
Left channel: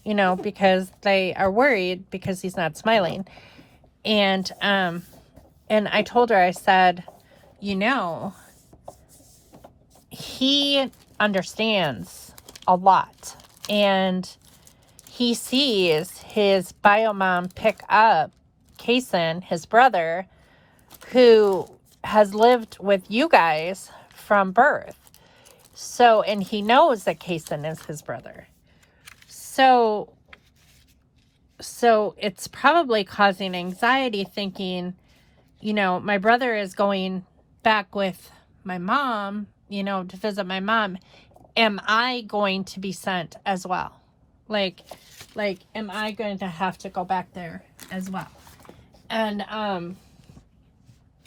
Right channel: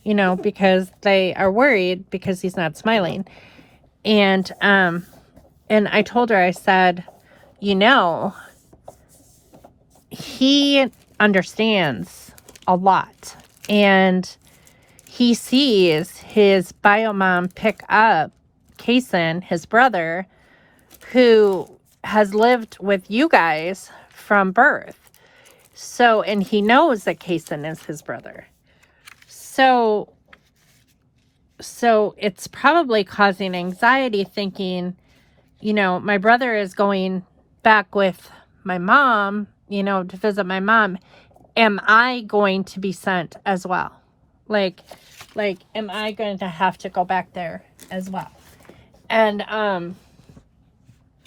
because they are worried because he's not smiling. And I told her, I said, he understands a lot, and he sees his bio mom pick up Kason, his brother, who has lived with you guys from birth. So, and he knows that Kason is his brother. So it's probably causing anxiety, thinking, you know, my brother is going back with my mom, you know, to visit my mom. Am I going to be sent as well? Like, am I going to have to go back there as well? And,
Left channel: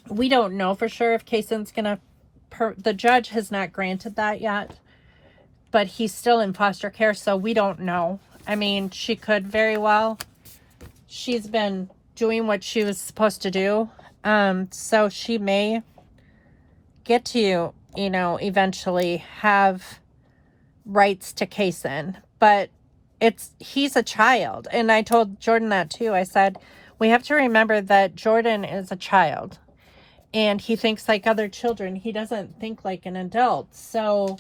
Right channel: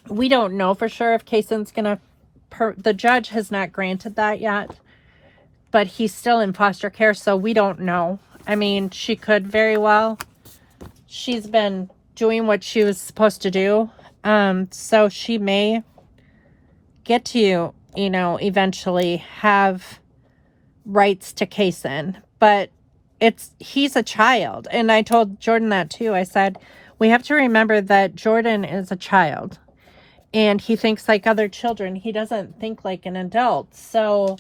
we don't know for sure if Kason's gonna, the judge has not granted that yet, but he's still in foster care, so we don't know. I mean, she could very well. She's been doing what she was supposed to do. So she may get to, you know, eventually have rights to Kason, but he's a child. And I told Jordan that too. I said, we have to remember that Jordan is a child and he thinks like other children. He doesn't think like an adult. So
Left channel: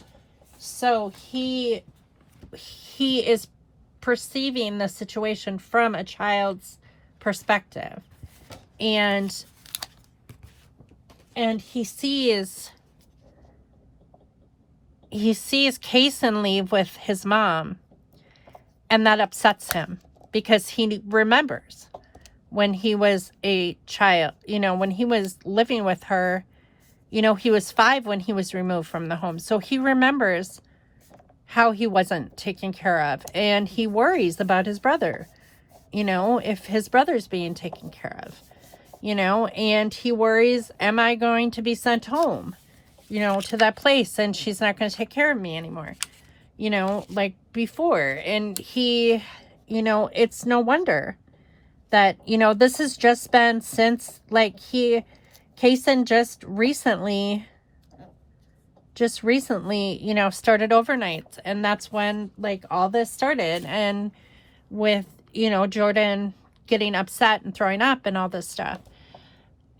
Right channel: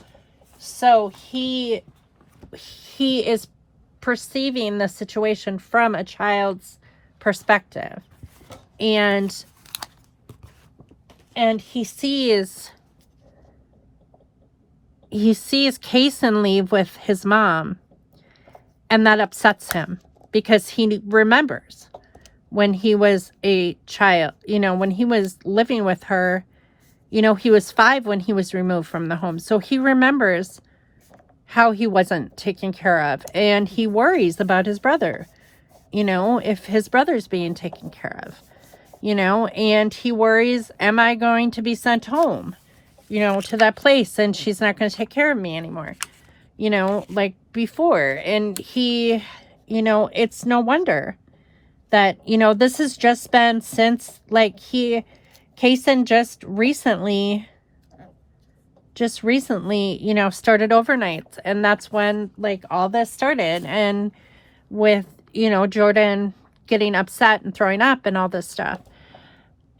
he is perceiving the situation from a child's perspective, and he sees Kason leave with his mom, and that upsets him because he remembers when he was a child, you know, when he was living with her. You know, he was 5 when he was removed from the home. So he remembers how he wasn't taken care of. And he worries about his brother, you know, if his brother's being taken care of, you know. And he worries, am I going to be sent home, you know, to that place, and she's not going to take care of me anymore, you know, like before. And he, you know, it's no wonder that, you know, this has just been since, like, Kason just recently, you know, started overnights. And that's when, like, all this started. And with, you know, Jordan getting upset and throwing up and all this stuff.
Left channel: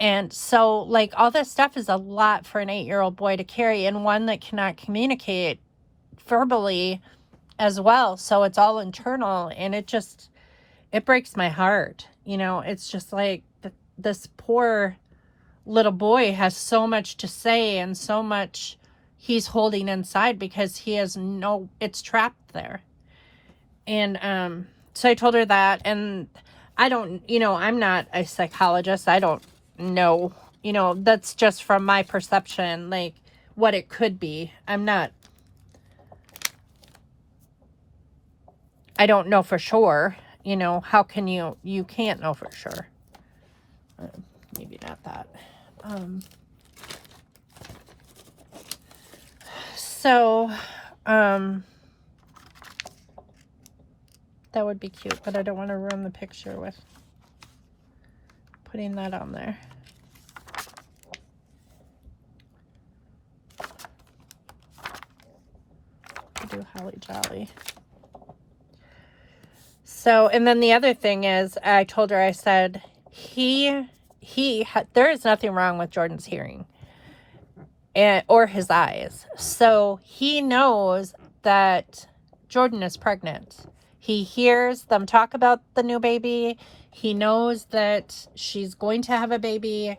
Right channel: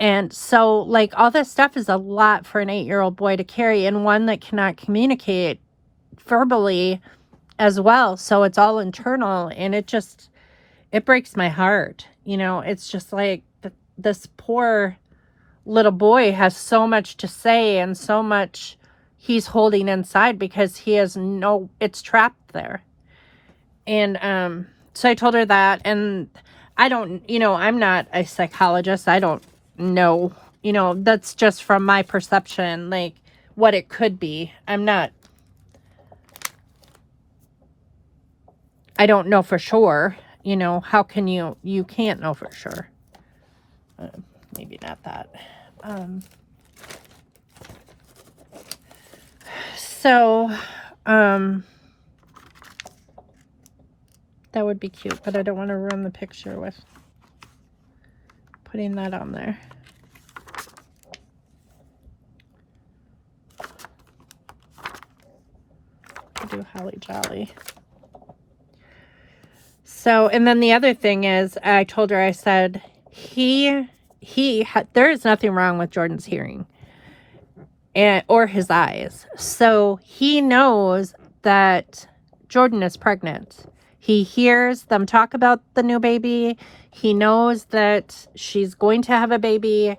And so, like, all this stuff is a lot for an 8-year-old boy to carry, and one that cannot communicate verbally as well. So it's all internal, and it breaks my heart. You know, it's just like this poor little boy has so much to say and so much he's holding inside because he has it's trapped there. And so I told her that, and I don't, you know, I'm not a psychologist. I don't know, you know, that's just from my perception, like what it could be. I don't know for sure, you know. How can you can't know for sure. Maybe not that. So, that would be cute, but I don't want to ruin the picture with putting that on there. I'll do Holly Jolly. So, and then the other thing is, I told her, I said, there is nothing wrong with Jordan's hearing or his eyes. So he knows that Jordan is pregnant. He hears them talk about the new baby. He knows that she's going to have a baby,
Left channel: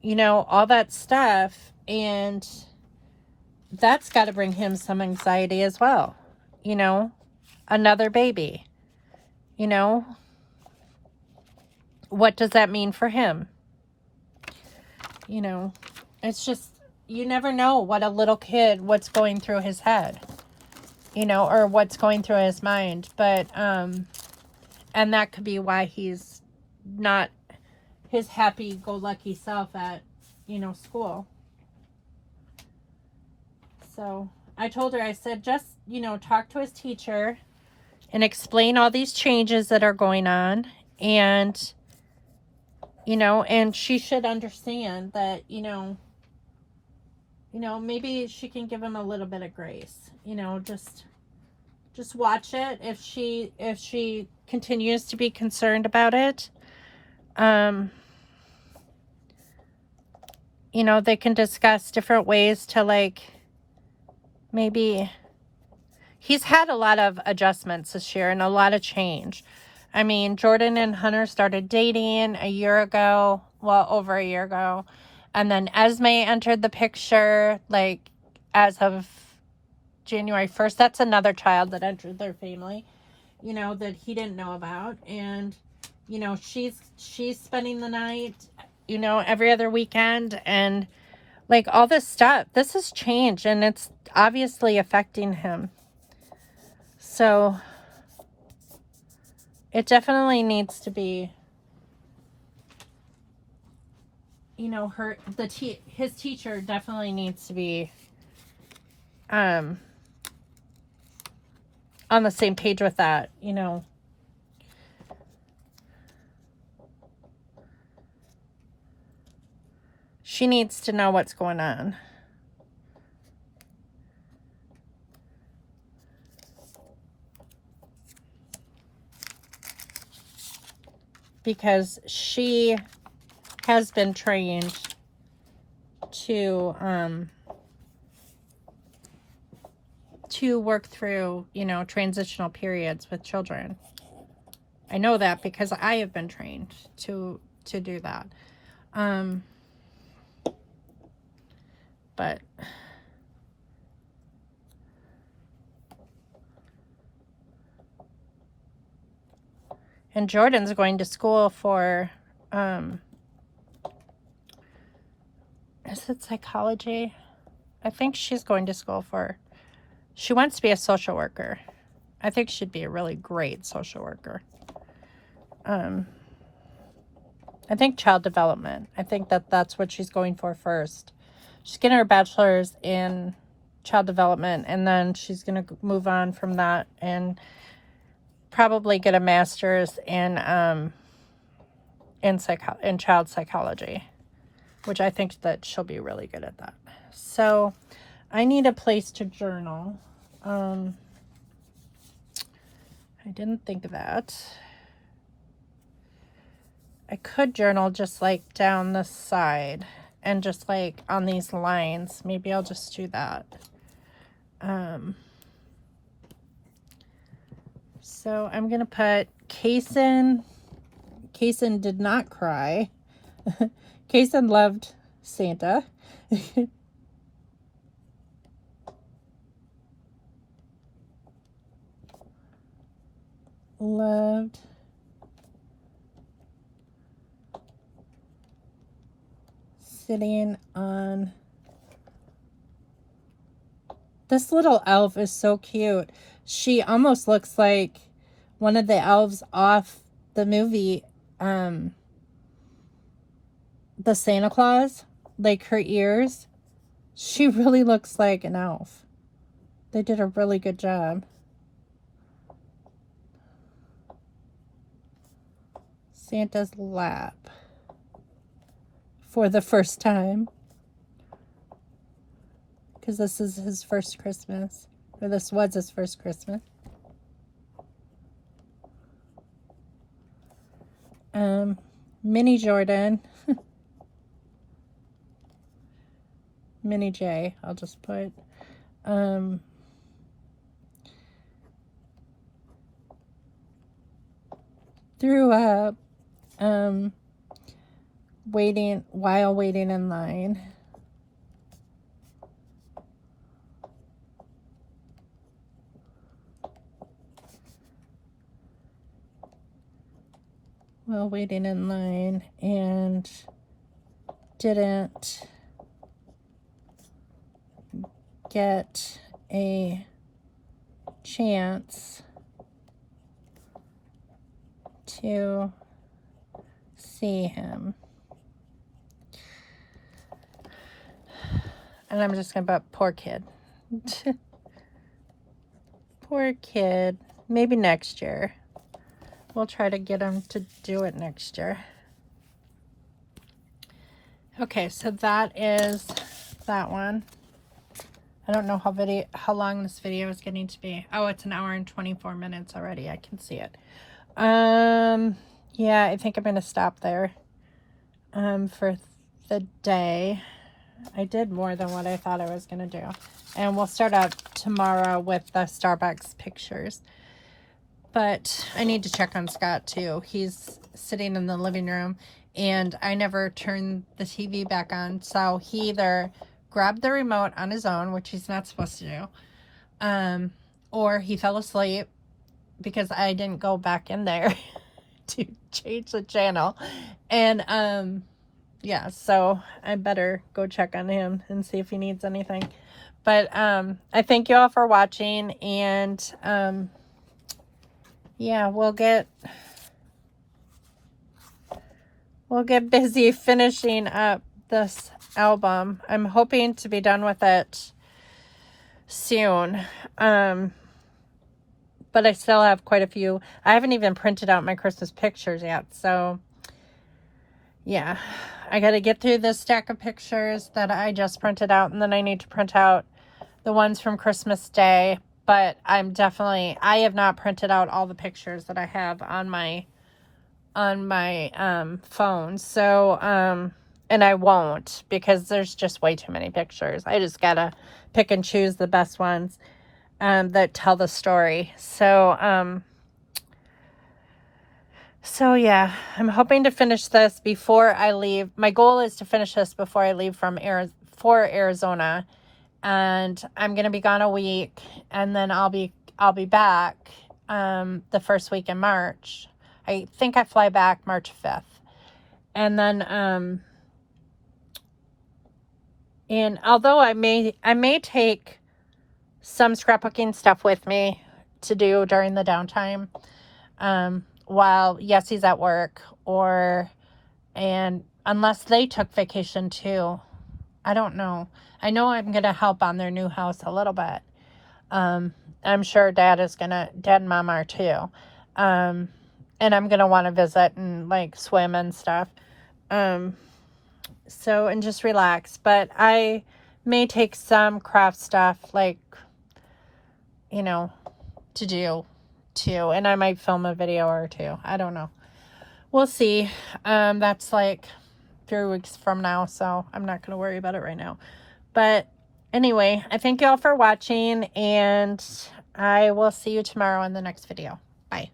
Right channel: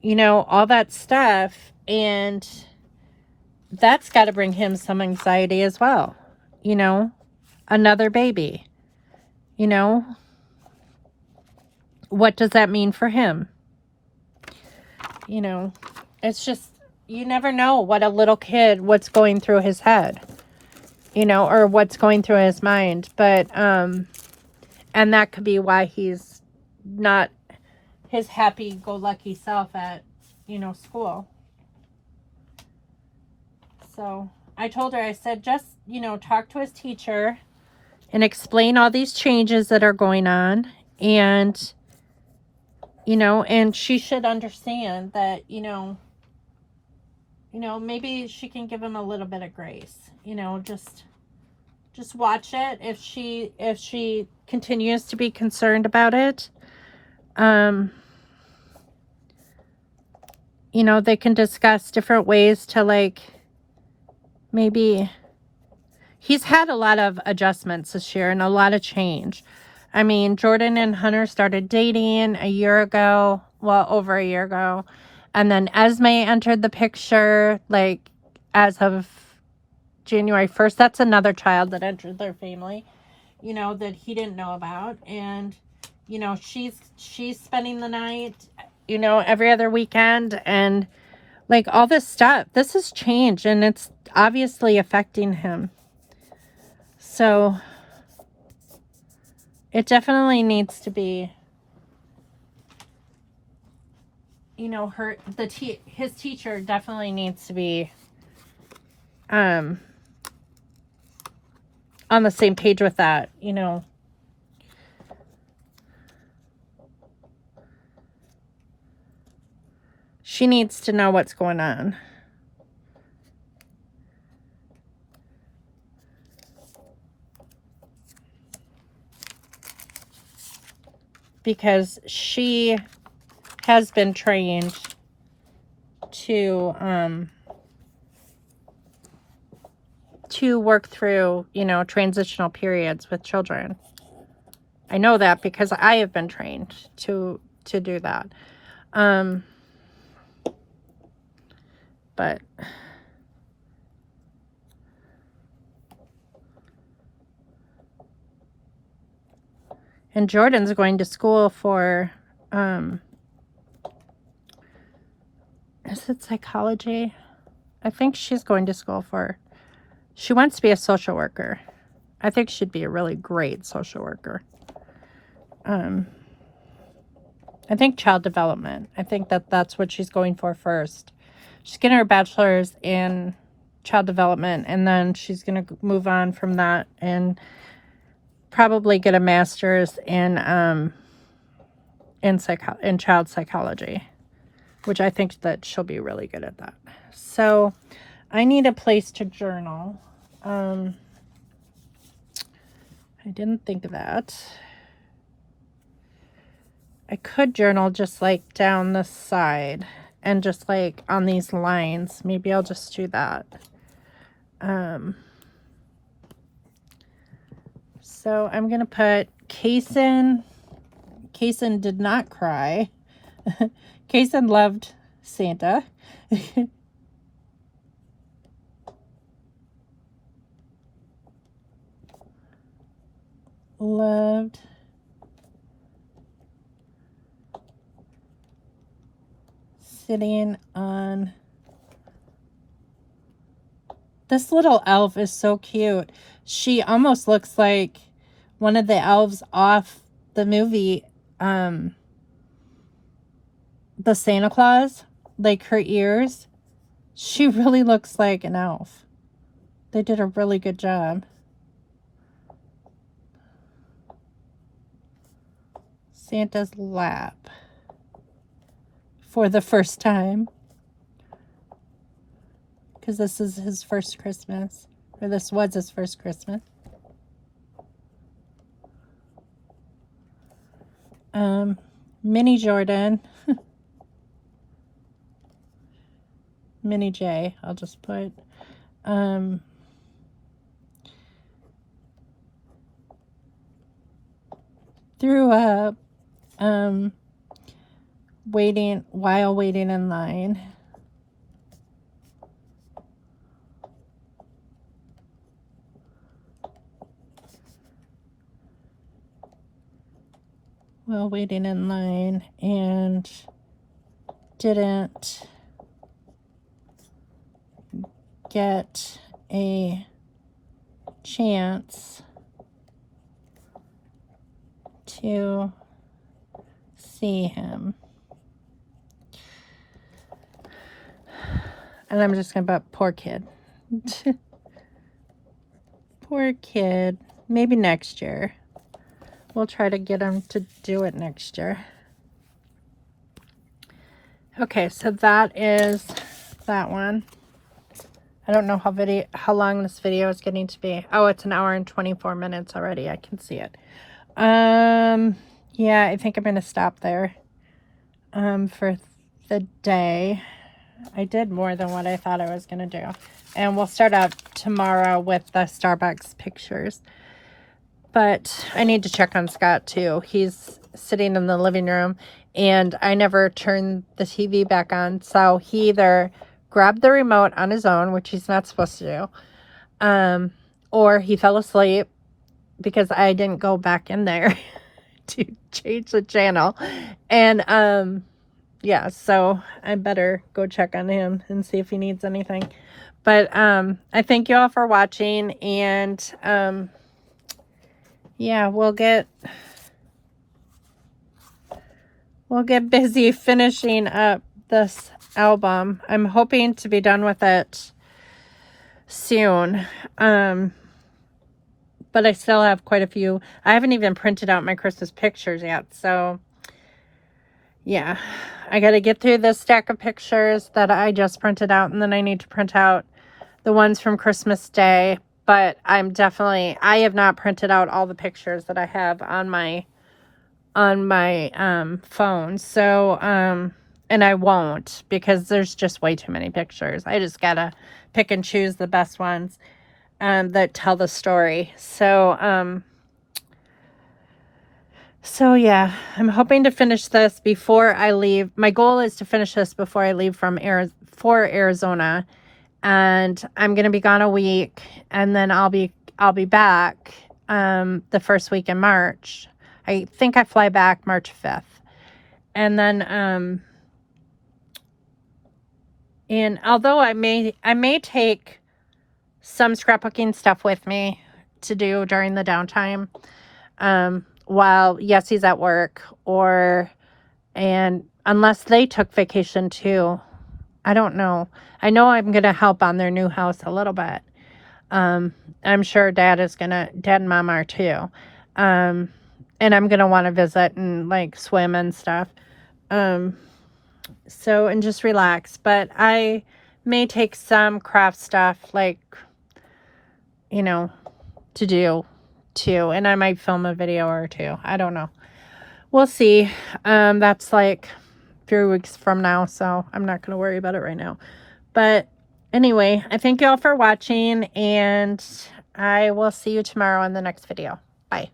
you know, all that stuff. And that's got to bring him some anxiety as well. You know, another baby, you know, what does that mean for him? You know, it's just, you never know what a little kid, what's going through his head, you know, or what's going through his mind. But, and that could be why he's not his happy-go-lucky self at, you know, school. So I told her, I said, just, you know, talk to his teacher and explain all these changes that are going on. And, you know, and she should understand that, you know, maybe she can give him a little bit of grace, you know, just watch it. If she continues to be concerned about it, you know, they can discuss different ways to, like, maybe he's had a lot of adjustments this year and a lot of change. I mean, Jordan and Hunter started dating a year ago, well, over a year ago. And then Esme entered the picture, like, as of January 1st. That's another child that entered their family, you know, that he didn't know about. And, you know, she's spending the night, you know, every other weekend. And, like, all this stuff. This has changed, and it's obviously affecting him. So it definitely needs to be, you know, his teacher definitely needs to be on the same page with that, you know. She needs to know what's going on. Because she has been trained to work through, you know, transitional periods with children. I know that because I have been trained to do that. But and Jordan's going to school for is it psychology? I think she's going to school for, she wants to be a social worker. I think she'd be a really great social worker. I think child development. I think that's what she's going for first. She's getting her bachelor's in child development, and then she's going to move on from that and probably get a master's in child psychology, which I think that she'll be really good at that. So I need a place to journal. I didn't think of that. I could journal just like down the side and just like on these lines. Maybe I'll just do that. So I'm going to put Kaysen. Kaysen did not cry. Kaysen loved Santa. Loved sitting on. This little elf is so cute. She almost looks like one of the elves off the movie, the Santa Claus. Like her ears. She really looks like an elf. They did a really good job. Santa's lap for the first time, because this is his first Christmas, or this was his first Christmas. Mini Jordan, Mini J, I'll just put, threw up, while waiting in line. While waiting in line, and didn't get a chance to see him. And I'm just gonna put poor kid. Poor kid. Maybe next year. We'll try to get him to do it next year. Okay, so that is that one. I don't know how long this video is getting to be. Oh, it's 1 hour and 24 minutes already. I can see it. Yeah, I think I'm gonna stop there for the day. I did more than what I thought I was going to do. And we'll start out tomorrow with the Starbucks pictures. But I need to check on Scott too. He's sitting in the living room and I never turned the TV back on. So he either grabbed the remote on his own, which he's not supposed to do, or he fell asleep because I didn't go back in there to change the channel. And yeah, so I better go check on him and see if he needs anything. But I thank you all for watching, and yeah, we'll get busy finishing up this album. I'm hoping to be done with it soon. But I still have quite a few. I haven't even printed out my Christmas pictures yet, so yeah. I got to get through this stack of pictures that I just printed out, and then I need to print out the ones from Christmas Day. But I have not printed out all the pictures that I have on my phone. So, and I won't, because there's just way too many pictures. I just gotta pick and choose the best ones that tell the story. So, so yeah, I'm hoping to finish this before I leave. My goal is to finish this before I leave for Arizona, and I'm gonna be gone a week, and then I'll be back the first week in March. I think I fly back March 5th, and then and although I may take some scrapbooking stuff with me to do during the downtime, while Yessie's at work, and unless they took vacation too, I don't know. I know I'm gonna help on their new house a little bit. I'm sure Dad and Mom are too. And I'm gonna want to visit and like swim and stuff. So, and just relax. But I may take some craft stuff, like, you know, to do too, and I might film a video or two. I don't know. We'll see. That's like 3 weeks from now, so I'm not gonna worry about it right now. But anyway, I thank you all for watching, and I will see you tomorrow in the next video. Bye.